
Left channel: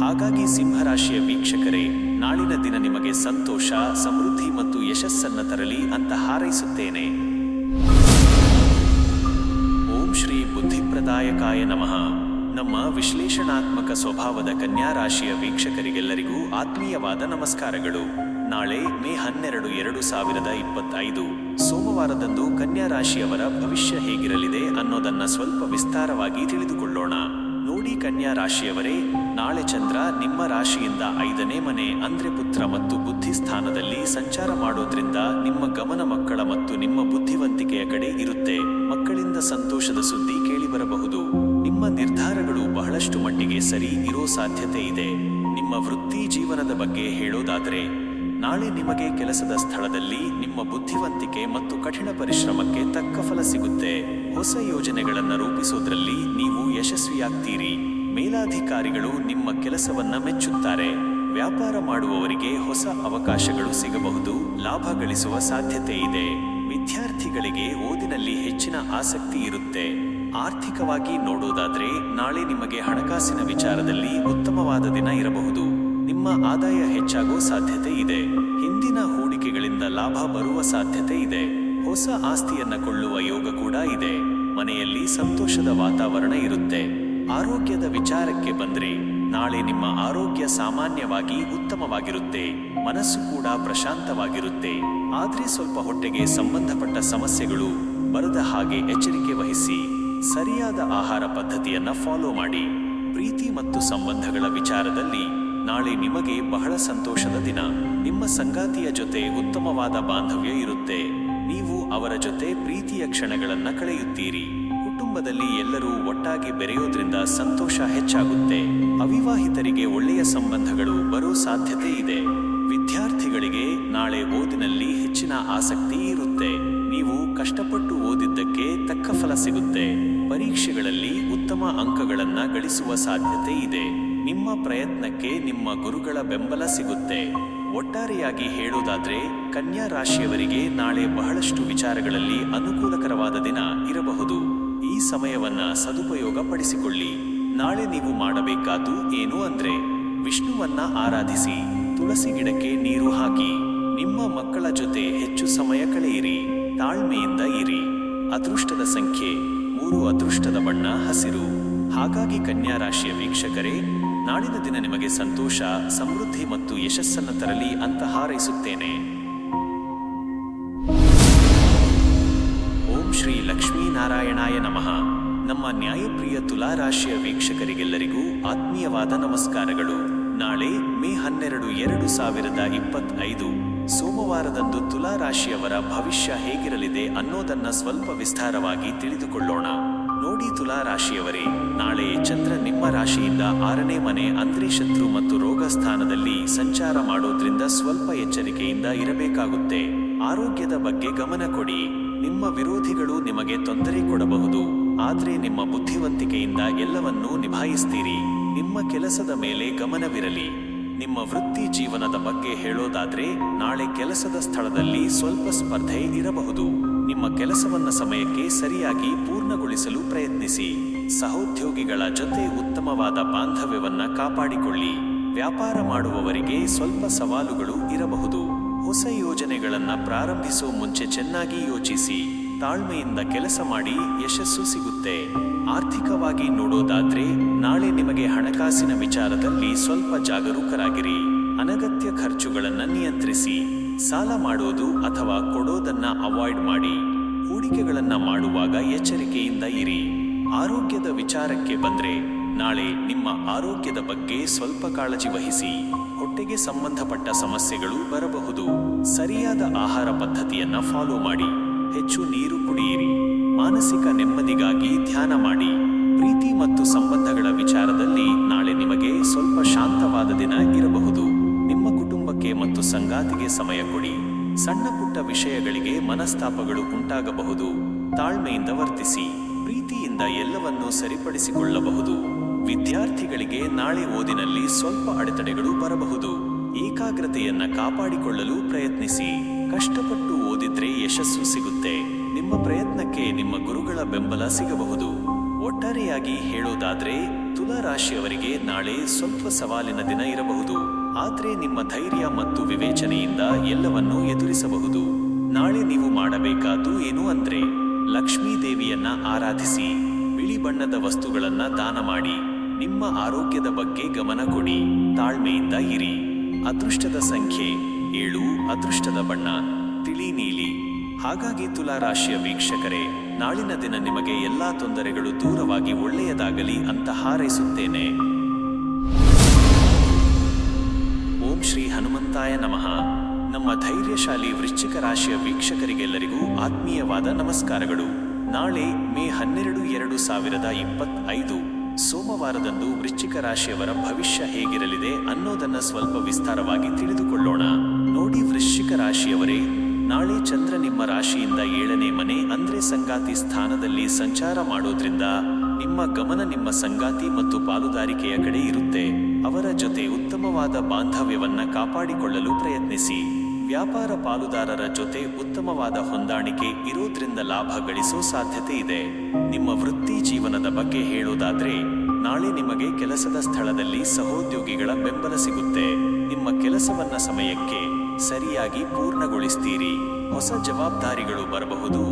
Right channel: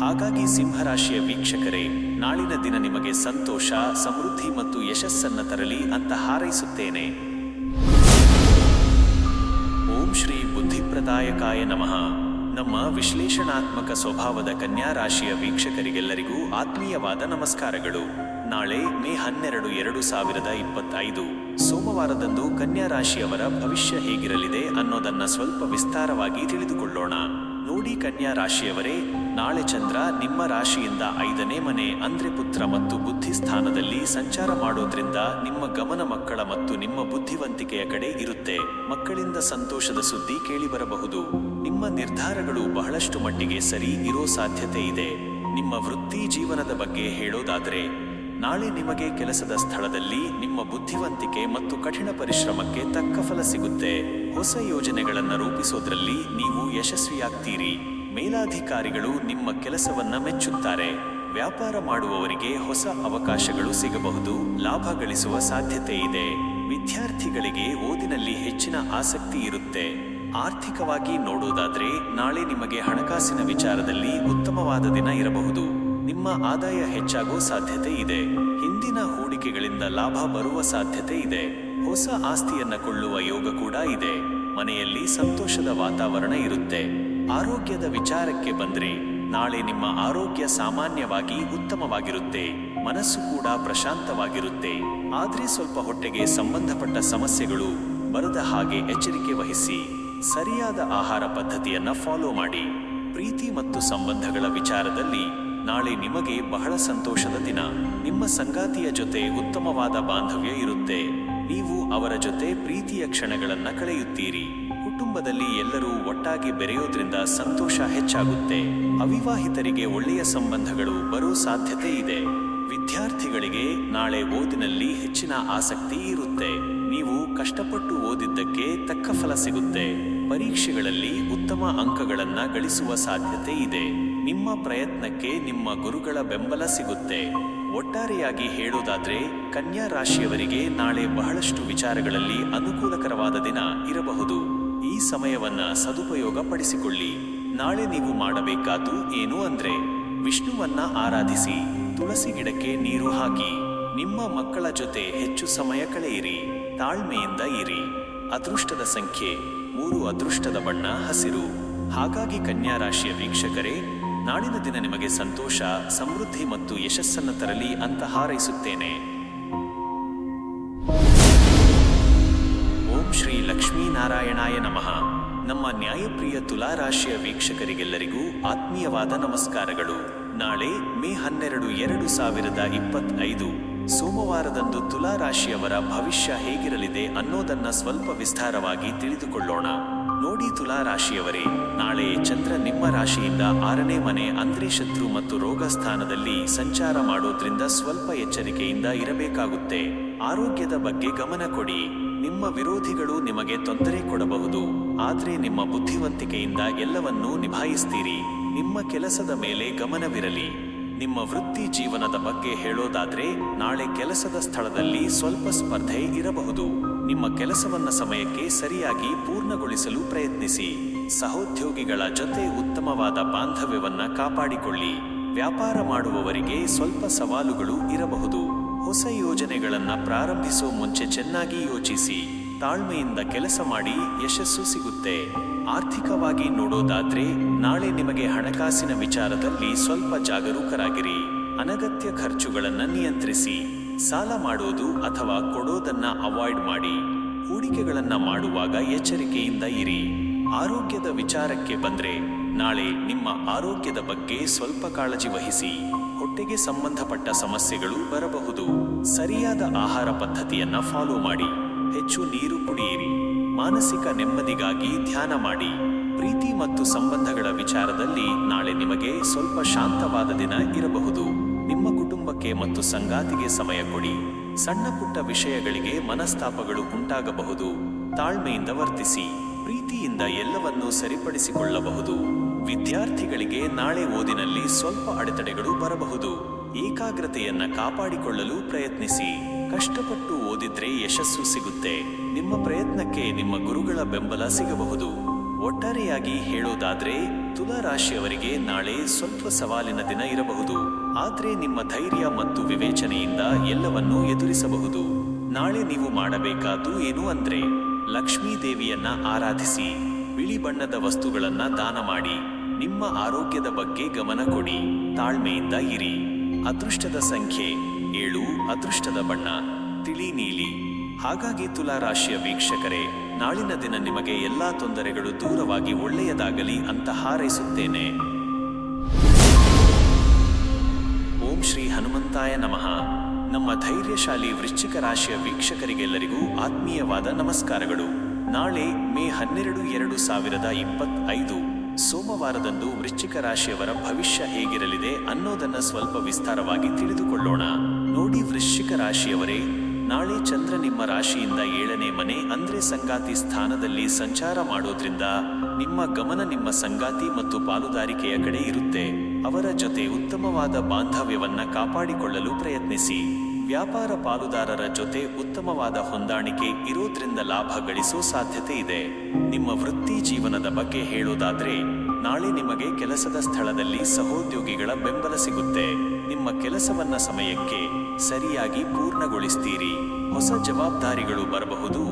ಹಾಗಾಗಿ ಸಿಂಹರಾಶಿಯ ವೀಕ್ಷಕರೇ, ನಾಳಿನ ದಿನ ನಿಮಗೆ ಸಂತೋಷ, ಸಮೃದ್ಧಿ ಮತ್ತು ಯಶಸ್ಸನ್ನ ತರಲಿ ಅಂತ ಹಾರೈಸುತ್ತೇನೆ. ಓಂ ಶ್ರೀ ಬುದ್ಧಿಪ್ರದಾಯಕಾಯ ನಮಃ. ನಮ್ಮ ವಿಶ್ಲೇಷಣಾತ್ಮಕ ಸ್ವಭಾವದ ಕನ್ಯಾ ರಾಶಿಯ ವೀಕ್ಷಕರಿಗೆಲ್ಲರಿಗೂ ಆತ್ಮೀಯವಾದ ನಮಸ್ಕಾರಗಳು. ನಾಳೆ ಮೇ 12, 2025 ಸೋಮವಾರದಂದು ಕನ್ಯಾ ರಾಶಿಯವರ ಭವಿಷ್ಯ ಹೇಗಿರಲಿದೆ ಅನ್ನೋದನ್ನ ಸ್ವಲ್ಪ ವಿಸ್ತಾರವಾಗಿ ತಿಳಿದುಕೊಳ್ಳೋಣ. ನೋಡಿ ಕನ್ಯಾ ರಾಶಿಯವರೇ, ನಾಳೆ ಚಂದ್ರ ನಿಮ್ಮ ರಾಶಿಯಿಂದ 5ನೇ ಮನೆ ಅಂದ್ರೆ ಪುತ್ರ ಮತ್ತು ಬುದ್ಧಿ ಸ್ಥಾನದಲ್ಲಿ ಸಂಚಾರ ಮಾಡೋದ್ರಿಂದ ನಿಮ್ಮ ಗಮನ ಮಕ್ಕಳ ಮತ್ತು ನಿಮ್ಮ ಬುದ್ಧಿವಂತಿಕೆಯ ಕಡೆ ಇರುತ್ತೆ. ಮಕ್ಕಳಿಂದ ಸಂತೋಷದ ಸುದ್ದಿ ಕೇಳಿಬರಬಹುದು. ನಿಮ್ಮ ನಿರ್ಧಾರಗಳು ಬಹಳಷ್ಟು ಮಟ್ಟಿಗೆ ಸರಿ ಇರೋ ಸಾಧ್ಯತೆ ಇದೆ. ನಿಮ್ಮ ವೃತ್ತಿ ಜೀವನದ ಬಗ್ಗೆ ಹೇಳೋದಾದ್ರೆ ನಾಳೆ ನಿಮಗೆ ಕೆಲಸದ ಸ್ಥಳದಲ್ಲಿ ನಿಮ್ಮ ಬುದ್ಧಿವಂತಿಕೆ ಮತ್ತು ಕಠಿಣ ಪರಿಶ್ರಮಕ್ಕೆ ತಕ್ಕ ಫಲ ಸಿಗುತ್ತೆ. ಹೊಸ ಯೋಜನೆಗಳನ್ನು ರೂಪಿಸೋದ್ರಲ್ಲಿ ನೀವು ಯಶಸ್ವಿಯಾಗ್ತೀರಿ. ಮೇಲಾಧಿಕಾರಿಗಳು ನಿಮ್ಮ ಕೆಲಸವನ್ನ ಮೆಚ್ಚುತ್ತಾರೆ. ವ್ಯಾಪಾರ ಮಾಡುವವರಿಗೆ ಹೊಸ ಅವಕಾಶಗಳು ಸಿಗಬಹುದು. ಲಾಭ ಗಳಿಸುವ ಸಾಧ್ಯತೆ ಇದೆ. ವಿದ್ಯಾರ್ಥಿಗಳಿಗೆ ಓದಿನಲ್ಲಿ ಹೆಚ್ಚಿನ ಆಸಕ್ತಿ ಇರುತ್ತೆ. ಆರ್ಥಿಕವಾಗಿ ನೋಡೋದಾದ್ರೆ ನಾಳೆ ನಿಮಗೆ ಹಣಕಾಸಿನ ವಿಚಾರದಲ್ಲಿ ಉತ್ತಮವಾದ ದಿನ ಇರಬಹುದು. ನಿಮ್ಮ ಆದಾಯ ಹೆಚ್ಚಾಗೋ ಸಾಧ್ಯತೆ ಇದೆ. ಹಿಂದಿನ ಹೂಡಿಕೆಗಳಿಂದ ಲಾಭ ಬರುವ ಸಾಧ್ಯತೆ ಇದೆ. ಹೊಸ ಆಸ್ತಿಯನ್ನ ಕೊಳ್ಳುವ ಯೋಗ ಕೂಡ ಇದೆ. ಮನೆಯಲ್ಲಿ ಸಂತೋಷದ ವಾತಾವರಣ ಇರುತ್ತೆ. ಆರೋಗ್ಯದ ವಿಚಾರಕ್ಕೆ ಬಂದ್ರೆ ನಾಳೆ ನಿಮ್ಮ ಆರೋಗ್ಯ ಸಾಮಾನ್ಯವಾಗಿ ಉತ್ತಮವಾಗಿರುತ್ತೆ. ಮನಸ್ಸು ಕೂಡ ಪ್ರಶಾಂತವಾಗಿರುತ್ತೆ. ಆದ್ರೆ ಸ್ವಲ್ಪ ಹೊಟ್ಟೆಗೆ ಸಂಬಂಧಪಟ್ಟ ಸಮಸ್ಯೆಗಳು ಬರದ ಹಾಗೆ ಎಚ್ಚರಿಕೆ ವಹಿಸಿ. ಸರಿಯಾದ ಆಹಾರ ಪದ್ಧತಿಯನ್ನ ಫಾಲೋ ಮಾಡಿ. ಪ್ರೀತಿ ಮತ್ತು ಸಂಬಂಧಗಳ ವಿಚಾರದಲ್ಲಿ ನಾಳೆ ನಿಮಗೆ ಬಹಳ ಸಂತೋಷದ ದಿನ. ನಿಮ್ಮ ಸಂಗಾತಿಯ ಜೊತೆ ಉತ್ತಮವಾದ ಬಾಂಧವ್ಯ ಇರುತ್ತೆ. ನೀವು ಅವರ ಜೊತೆ ಪ್ರೀತಿಯ ಕ್ಷಣಗಳನ್ನ ಕಳೆಯುತ್ತೀರಿ. ಕುಟುಂಬದಲ್ಲಿ ಎಲ್ಲರೂ ಒಟ್ಟಾಗಿ ಬೆರೆಯೋದ್ರಿಂದ ಸಂತೋಷ ಹೆಚ್ಚಾಗುತ್ತೆ. ಅವಿವಾಹಿತರಿಗೆ ಒಳ್ಳೆಯ ಸಂಬಂಧಗಳು ಬರೋ ಸಾಧ್ಯತೆ ಇದೆ. ವಿದ್ಯಾರ್ಥಿಗಳಿಗೆ ನಾಳೆ ಓದಿನಲ್ಲಿ ಹೆಚ್ಚಿನ ಆಸಕ್ತಿ ಇರುತ್ತೆ. ನೀವು ಕಷ್ಟಪಟ್ಟು ಓದಿದ್ದಕ್ಕೆ ತಕ್ಕ ಫಲ ಸಿಗುತ್ತೆ. ಪರೀಕ್ಷೆಗಳಲ್ಲಿ ಉತ್ತಮ ಅಂಕಗಳನ್ನ ಗಳಿಸುವ ಸಾಧ್ಯತೆ ಇದೆ. ನಿಮ್ಮ ಪ್ರಯತ್ನಕ್ಕೆ ನಿಮ್ಮ ಗುರುಗಳ ಬೆಂಬಲ ಸಿಗುತ್ತೆ. ಒಟ್ಟಾರೆಯಾಗಿ ಹೇಳೋದಾದ್ರೆ ಕನ್ಯಾ ರಾಶಿಯವರಿಗೆ ನಾಳೆ ಬಹಳಷ್ಟು ವಿಚಾರಗಳಲ್ಲಿ ಅನುಕೂಲಕರವಾದ ದಿನ ಇರಬಹುದು. ಈ ಸಮಯವನ್ನ ಸದುಪಯೋಗ ಪಡಿಸಿಕೊಳ್ಳಿ. ನಾಳೆ ನೀವು ಮಾಡಬೇಕಾದ್ದು ಏನು ಅಂದ್ರೆ ವಿಷ್ಣುವನ್ನ ಆರಾಧಿಸಿ, ತುಳಸಿ ಗಿಡಕ್ಕೆ ನೀರು ಹಾಕಿ, ನಿಮ್ಮ ಮಕ್ಕಳ ಜೊತೆ ಹೆಚ್ಚು ಸಮಯ ಕಳೆಯಿರಿ, ತಾಳ್ಮೆಯಿಂದ ಇರಿ. ಅದೃಷ್ಟದ ಸಂಖ್ಯೆ 3, ಅದೃಷ್ಟದ ಬಣ್ಣ ಹಸಿರು. ಹಾಗಾಗಿ ಕನ್ಯಾ ರಾಶಿಯ ವೀಕ್ಷಕರೇ, ನಾಳಿನ ದಿನ ನಿಮಗೆ ಸಂತೋಷ, ಸಮೃದ್ಧಿ ಮತ್ತು ಯಶಸ್ಸನ್ನ ತರಲಿ ಅಂತ ಹಾರೈಸುತ್ತೇನೆ. ಓಂ ಶ್ರೀ ಲಕ್ಷ್ಮೀನಾರಾಯಣಾಯ ನಮಃ. ನಮ್ಮ ನ್ಯಾಯಪ್ರಿಯ ತುಲಾ ರಾಶಿಯ ವೀಕ್ಷಕರಿಗೆಲ್ಲರಿಗೂ ಆತ್ಮೀಯವಾದ ನಮಸ್ಕಾರಗಳು. ನಾಳೆ ಮೇ 12, 2025 ಸೋಮವಾರದಂದು ತುಲಾ ರಾಶಿಯವರ ಭವಿಷ್ಯ ಹೇಗಿರಲಿದೆ ಅನ್ನೋದನ್ನ ಸ್ವಲ್ಪ ವಿಸ್ತಾರವಾಗಿ ತಿಳಿದುಕೊಳ್ಳೋಣ. ನೋಡಿ ತುಲಾ ರಾಶಿಯವರೇ, ನಾಳೆ ಚಂದ್ರ ನಿಮ್ಮ ರಾಶಿಯಿಂದ 6ನೇ ಮನೆ ಅಂದ್ರೆ ಶತ್ರು ಮತ್ತು ರೋಗ ಸ್ಥಾನದಲ್ಲಿ ಸಂಚಾರ ಮಾಡೋದ್ರಿಂದ ಸ್ವಲ್ಪ ಎಚ್ಚರಿಕೆಯಿಂದ ಇರಬೇಕಾಗುತ್ತೆ. ಆರೋಗ್ಯದ ಬಗ್ಗೆ ಗಮನ ಕೊಡಿ. ನಿಮ್ಮ ವಿರೋಧಿಗಳು ನಿಮಗೆ ತೊಂದರೆ ಕೊಡಬಹುದು. ಆದ್ರೆ ನಿಮ್ಮ ಬುದ್ಧಿವಂತಿಕೆಯಿಂದ ಎಲ್ಲವನ್ನೂ ನಿಭಾಯಿಸ್ತೀರಿ. ನಿಮ್ಮ ಕೆಲಸದ ಮೇಲೆ ಗಮನವಿರಲಿ. ನಿಮ್ಮ ವೃತ್ತಿ ಜೀವನದ ಬಗ್ಗೆ ಹೇಳೋದಾದ್ರೆ ನಾಳೆ ಕೆಲಸದ ಸ್ಥಳದಲ್ಲಿ ಸ್ವಲ್ಪ ಸ್ಪರ್ಧೆ ಇರಬಹುದು. ನಿಮ್ಮ ಕೆಲಸವನ್ನ ಸಮಯಕ್ಕೆ ಸರಿಯಾಗಿ ಪೂರ್ಣಗೊಳಿಸಲು ಪ್ರಯತ್ನಿಸಿ. ಸಹೋದ್ಯೋಗಿಗಳ ಜೊತೆ ಉತ್ತಮವಾದ ಬಾಂಧವ್ಯವನ್ನ ಕಾಪಾಡಿಕೊಳ್ಳಿ. ವ್ಯಾಪಾರ ಮಾಡುವವರಿಗೆ ಸ್ವಲ್ಪ ಸವಾಲುಗಳು ಇರಬಹುದು. ಹೊಸ ಯೋಜನೆಗಳನ್ನ ಪ್ರಾರಂಭಿಸೋ ಮುಂಚೆ ಚೆನ್ನಾಗಿ ಯೋಚಿಸಿ. ತಾಳ್ಮೆಯಿಂದ ಕೆಲಸ ಮಾಡಿ ಯಶಸ್ಸು ಸಿಗುತ್ತೆ. ಆರ್ಥಿಕವಾಗಿ ನೋಡೋದಾದ್ರೆ ನಾಳೆ ನಿಮಗೆ ಹಣಕಾಸಿನ ವಿಚಾರದಲ್ಲಿ ಸ್ವಲ್ಪ ಜಾಗರೂಕರಾಗಿರಿ. ಅನಗತ್ಯ ಖರ್ಚುಗಳನ್ನ ನಿಯಂತ್ರಿಸಿ. ಸಾಲ ಮಾಡೋದು ಅಥವಾ ಕೊಡೋದನ್ನ ಅವಾಯ್ಡ್ ಮಾಡಿ. ಹೂಡಿಕೆಗಳನ್ನ ಮಾಡುವಾಗ ಎಚ್ಚರಿಕೆಯಿಂದ ಇರಿ. ಆರೋಗ್ಯದ ವಿಚಾರಕ್ಕೆ ಬಂದ್ರೆ ನಾಳೆ ನಿಮ್ಮ ಆರೋಗ್ಯದ ಬಗ್ಗೆ ಸ್ವಲ್ಪ ಕಾಳಜಿ ವಹಿಸಿ. ಹೊಟ್ಟೆಗೆ ಸಂಬಂಧಪಟ್ಟ ಸಮಸ್ಯೆಗಳು ಬರಬಹುದು. ಸರಿಯಾದ ಆಹಾರ ಪದ್ಧತಿಯನ್ನ ಫಾಲೋ ಮಾಡಿ. ಹೆಚ್ಚು ನೀರು ಕುಡಿಯಿರಿ. ಮಾನಸಿಕ ನೆಮ್ಮದಿಗಾಗಿ ಧ್ಯಾನ ಮಾಡಿ. ಪ್ರೀತಿ ಮತ್ತು ಸಂಬಂಧಗಳ ವಿಚಾರದಲ್ಲಿ ನಾಳೆ ನಿಮಗೆ ಸ್ವಲ್ಪ ಶಾಂತವಾದ ದಿನ ಇರಬಹುದು. ನಿಮ್ಮ ಕುಟುಂಬಕ್ಕೆ ಮತ್ತು ಸಂಗಾತಿಗೆ ಸಮಯ ಕೊಡಿ. ಸಣ್ಣ ಪುಟ್ಟ ವಿಷಯಗಳಿಗೆ ಮನಸ್ತಾಪಗಳು ಉಂಟಾಗಬಹುದು. ತಾಳ್ಮೆಯಿಂದ ವರ್ತಿಸಿ. ಪ್ರೀತಿಯಿಂದ ಎಲ್ಲವನ್ನೂ ಸರಿಪಡಿಸಿಕೊಳ್ಳಬಹುದು. ವಿದ್ಯಾರ್ಥಿಗಳಿಗೆ ನಾಳೆ ಓದಿನಲ್ಲಿ ಸ್ವಲ್ಪ ಅಡೆತಡೆಗಳು ಬರಬಹುದು. ಏಕಾಗ್ರತೆಯನ್ನ ಕಾಪಾಡಿಕೊಳ್ಳಲು ಪ್ರಯತ್ನಿಸಿ. ಕಷ್ಟಪಟ್ಟು ಓದಿದ್ರೆ ಯಶಸ್ಸು ಸಿಗುತ್ತೆ. ನಿಮ್ಮ ಪ್ರಯತ್ನಕ್ಕೆ ನಿಮ್ಮ ಗುರುಗಳ ಬೆಂಬಲ ಸಿಗಬಹುದು. ಒಟ್ಟಾರೆಯಾಗಿ ಹೇಳೋದಾದ್ರೆ ತುಲಾ ರಾಶಿಯವರಿಗೆ ನಾಳೆ ಸ್ವಲ್ಪ ಸವಾಲಿನ ದಿನ ಇರಬಹುದು. ಆದ್ರೆ ನಿಮ್ಮ ಧೈರ್ಯ ಮತ್ತು ವಿವೇಚನೆಯಿಂದ ಎಲ್ಲವನ್ನೂ ಎದುರಿಸಬಹುದು. ನಾಳೆ ನೀವು ಮಾಡಬೇಕಾದ್ದು ಏನು ಅಂದ್ರೆ ಲಕ್ಷ್ಮೀ ದೇವಿಯನ್ನ ಆರಾಧಿಸಿ. ಬಿಳಿ ಬಣ್ಣದ ವಸ್ತುಗಳನ್ನ ದಾನ ಮಾಡಿ. ನಿಮ್ಮ ಆರೋಗ್ಯದ ಬಗ್ಗೆ ಗಮನ ಕೊಡಿ. ತಾಳ್ಮೆಯಿಂದ ಇರಿ. ಅದೃಷ್ಟದ ಸಂಖ್ಯೆ 7. ಅದೃಷ್ಟದ ಬಣ್ಣ ತಿಳಿ ನೀಲಿ. ಹಾಗಾಗಿ ತುಲಾ ರಾಶಿಯ ವೀಕ್ಷಕರೇ, ನಾಳಿನ ದಿನ ನಿಮಗೆ ಎಲ್ಲಾ ತೊಂದರೆಗಳು ದೂರವಾಗಿ ಒಳ್ಳೆಯದಾಗಲಿ ಅಂತ ಹಾರೈಸುತ್ತೇನೆ. ಓಂ ಶ್ರೀ ಹನುಮಂತಾಯ ನಮಃ. ನಮ್ಮ ಧೈರ್ಯಶಾಲಿ ವೃಶ್ಚಿಕ ರಾಶಿಯ ವೀಕ್ಷಕರಿಗೆಲ್ಲರಿಗೂ ಆತ್ಮೀಯವಾದ ನಮಸ್ಕಾರಗಳು. ನಾಳೆ ಮೇ 12, 2025 ಸೋಮವಾರದಂದು ವೃಶ್ಚಿಕ ರಾಶಿಯವರ ಭವಿಷ್ಯ ಹೇಗಿರಲಿದೆ ಅನ್ನೋದನ್ನ ಸ್ವಲ್ಪ ವಿಸ್ತಾರವಾಗಿ ತಿಳಿದುಕೊಳ್ಳೋಣ. ನೋಡಿ ವೃಶ್ಚಿಕ ರಾಶಿಯವರೇ, ನಾಳೆ ಚಂದ್ರ ನಿಮ್ಮ ರಾಶಿಯಿಂದ 7ನೇ ಮನೆ ಅಂದ್ರೆ ಸಂಗಾತಿ ಸ್ಥಾನದಲ್ಲಿ ಸಂಚಾರ ಮಾಡೋದ್ರಿಂದ ನಿಮ್ಮ ಗಮನ ನಿಮ್ಮ ಸಂಗಾತಿ ಮತ್ತು ಪಾಲುದಾರಿಕೆಯ ಕಡೆ ಇರುತ್ತೆ. ಅವರ ಜೊತೆ ಉತ್ತಮವಾದ ಬಾಂಧವ್ಯವನ್ನ ಕಾಪಾಡಿಕೊಳ್ಳಲು ಪ್ರಯತ್ನಿಸಿ. ವ್ಯಾಪಾರ ಪಾಲುದಾರರ ಜೊತೆ ಉತ್ತಮವಾದ ಹೊಂದಾಣಿಕೆ ಇರೋದ್ರಿಂದ ಲಾಭ ಗಳಿಸೋ ಸಾಧ್ಯತೆ ಇದೆ. ನಿಮ್ಮ ವೃತ್ತಿ ಜೀವನದ ಬಗ್ಗೆ ಹೇಳೋದಾದ್ರೆ ನಾಳೆ ನಿಮಗೆ ಕೆಲಸದ ಸ್ಥಳದಲ್ಲಿ ಸಹೋದ್ಯೋಗಿಗಳ ಬೆಂಬಲ ಸಿಗುತ್ತೆ. ನಿಮ್ಮ ಕೆಲಸವನ್ನ ಸಮಯಕ್ಕೆ ಸರಿಯಾಗಿ ಪೂರ್ಣಗೊಳಿಸ್ತೀರಿ. ಹೊಸ ಜವಾಬ್ದಾರಿಗಳು ಬರಬಹುದು.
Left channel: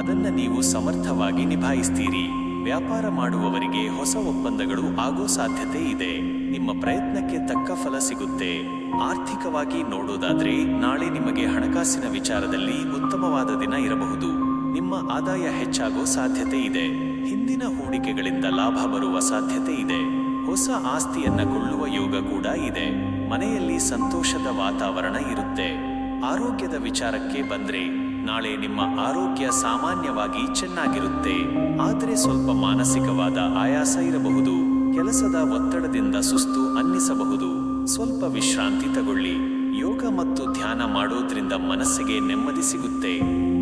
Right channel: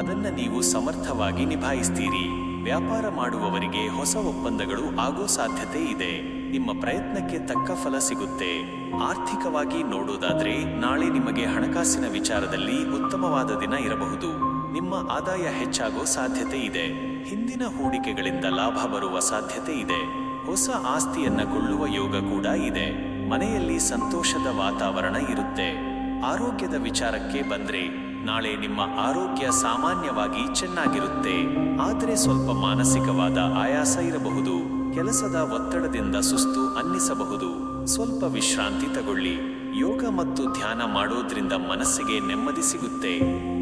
ಅದನ್ನ ನೀವು ಸಮರ್ಥವಾಗಿ ನಿಭಾಯಿಸ್ತೀರಿ. ವ್ಯಾಪಾರ ಮಾಡುವವರಿಗೆ ಹೊಸ ಒಪ್ಪಂದಗಳು ಆಗೋ ಸಾಧ್ಯತೆ ಇದೆ. ನಿಮ್ಮ ಪ್ರಯತ್ನಕ್ಕೆ ತಕ್ಕ ಫಲ ಸಿಗುತ್ತೆ. ಆರ್ಥಿಕವಾಗಿ ನೋಡೋದಾದ್ರೆ ನಾಳೆ ನಿಮಗೆ ಹಣಕಾಸಿನ ವಿಚಾರದಲ್ಲಿ ಉತ್ತಮವಾದ ದಿನ ಇರಬಹುದು. ನಿಮ್ಮ ಆದಾಯ ಹೆಚ್ಚಾಗೋ ಸಾಧ್ಯತೆ ಇದೆ. ಹಿಂದಿನ ಹೂಡಿಕೆಗಳಿಂದ ಲಾಭ ಬರುವ ಸಾಧ್ಯತೆ ಇದೆ. ಹೊಸ ಆಸ್ತಿಯನ್ನ ಕೊಳ್ಳುವ ಯೋಗ ಕೂಡ ಇದೆ. ಮನೆಯಲ್ಲಿ ಸಂತೋಷದ ವಾತಾವರಣ ಇರುತ್ತೆ. ಆರೋಗ್ಯದ ವಿಚಾರಕ್ಕೆ ಬಂದ್ರೆ ನಾಳೆ ನಿಮ್ಮ ಆರೋಗ್ಯ ಸಾಮಾನ್ಯವಾಗಿ ಚೆನ್ನಾಗಿರುತ್ತೆ. ಆದರೆ ಸ್ವಲ್ಪ ಮಾನಸಿಕವಾದ ಆಯಾಸ ಇರಬಹುದು. ಕೆಲಸದ ಒತ್ತಡದಿಂದ ಸುಸ್ತು ಅನ್ನಿಸಬಹುದು. ಸ್ವಲ್ಪ ವಿಶ್ರಾಂತಿ ತಗೊಳ್ಳಿ. ಯೋಗ ಮತ್ತು ಧ್ಯಾನ ಮಾಡೋದ್ರಿಂದ ಮನಸ್ಸಿಗೆ ನೆಮ್ಮದಿ ಸಿಗುತ್ತೆ.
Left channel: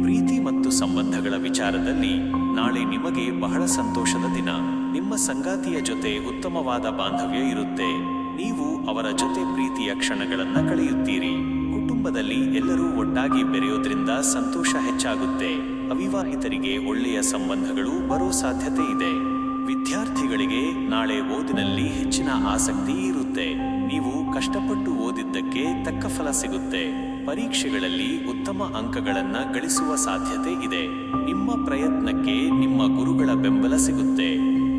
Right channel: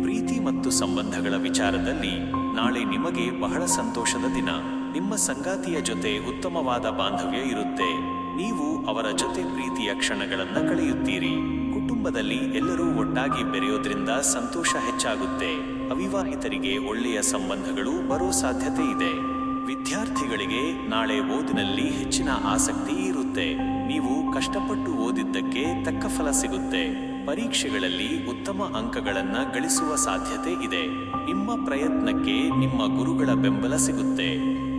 ಪ್ರೀತಿ ಮತ್ತು ಸಂಬಂಧಗಳ ವಿಚಾರದಲ್ಲಿ ನಾಳೆ ನಿಮಗೆ ಬಹಳ ಸಂತೋಷದ ದಿನ. ನಿಮ್ಮ ಸಂಗಾತಿಯ ಜೊತೆ ಉತ್ತಮವಾದ ಬಾಂಧವ್ಯ ಇರುತ್ತೆ. ನೀವು ಅವರ ಜೊತೆ ಪ್ರೀತಿಯ ಕ್ಷಣಗಳನ್ನ ಕಳೆಯುತ್ತೀರಿ. ಕುಟುಂಬದಲ್ಲಿ ಎಲ್ಲರೂ ಒಟ್ಟಾಗಿ ಬೆರೆಯೋದ್ರಿಂದ ಸಂತೋಷ ಹೆಚ್ಚಾಗುತ್ತೆ. ಅವಿವಾಹಿತರಿಗೆ ಒಳ್ಳೆಯ ಸಂಬಂಧಗಳು ಬರೋ ಸಾಧ್ಯತೆ ಇದೆ. ವಿದ್ಯಾರ್ಥಿಗಳಿಗೆ ನಾಳೆ ಓದಿನಲ್ಲಿ ಹೆಚ್ಚಿನ ಆಸಕ್ತಿ ಇರುತ್ತೆ. ನೀವು ಕಷ್ಟಪಟ್ಟು ಓದಿದ್ದಕ್ಕೆ ತಕ್ಕ ಫಲ ಸಿಗುತ್ತೆ. ಪರೀಕ್ಷೆಗಳಲ್ಲಿ ಉತ್ತಮ ಅಂಕಗಳನ್ನ ಗಳಿಸುವ ಸಾಧ್ಯತೆ ಇದೆ. ನಿಮ್ಮ ಪ್ರಯತ್ನಕ್ಕೆ ನಿಮ್ಮ ಗುರುಗಳ ಬೆಂಬಲ ಸಿಗುತ್ತೆ.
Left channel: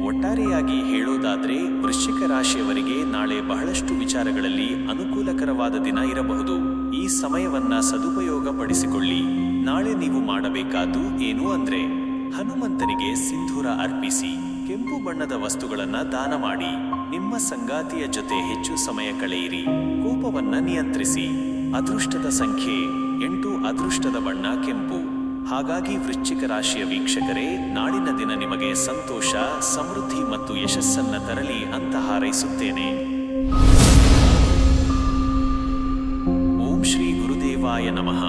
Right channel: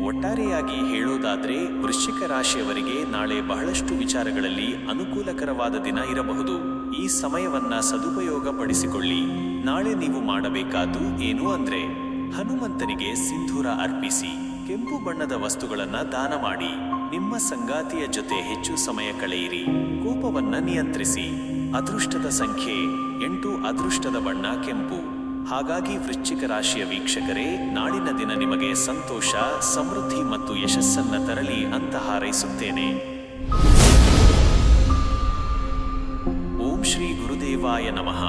ಒಟ್ಟಾರೆಯಾಗಿ ಹೇಳೋದಾದ್ರೆ ವೃಶ್ಚಿಕ ರಾಶಿಯವರಿಗೆ ನಾಳೆ ಬಹಳಷ್ಟು ವಿಚಾರಗಳಲ್ಲಿ ಅನುಕೂಲಕರವಾದ ದಿನ ಇರಬಹುದು. ಈ ಸಮಯವನ್ನ ಸದುಪಯೋಗ ಪಡಿಸಿಕೊಳ್ಳಿ. ನಾಳೆ ನೀವು ಮಾಡಬೇಕಾದ್ದು ಏನು ಅಂದ್ರೆ ಹನುಮಂತನಿಗೆ ಸಿಂಧೂರ ಅರ್ಪಿಸಿ. ಕೆಂಪು ಬಣ್ಣದ ವಸ್ತುಗಳನ್ನ ದಾನ ಮಾಡಿ. ನಿಮ್ಮ ಸಂಗಾತಿಯ ಜೊತೆ ಹೆಚ್ಚು ಸಮಯ ಕಳೆಯಿರಿ. ಕೋಪವನ್ನ ನಿಯಂತ್ರಿಸಿ. ಅದೃಷ್ಟದ ಸಂಖ್ಯೆ 8. ಅದೃಷ್ಟದ ಬಣ್ಣ ಕೆಂಪು. ಹಾಗಾಗಿ ವೃಶ್ಚಿಕ ರಾಶಿಯ ವೀಕ್ಷಕರೇ, ನಾಳಿನ ದಿನ ನಿಮಗೆ ಸಂತೋಷ, ಸಮೃದ್ಧಿ ಮತ್ತು ಯಶಸ್ಸನ್ನ ತರಲಿ ಅಂತ ಹಾರೈಸುತ್ತೇನೆ. ಓಂ ಶ್ರೀ ಗುರುದೇವಾಯ ನಮಃ.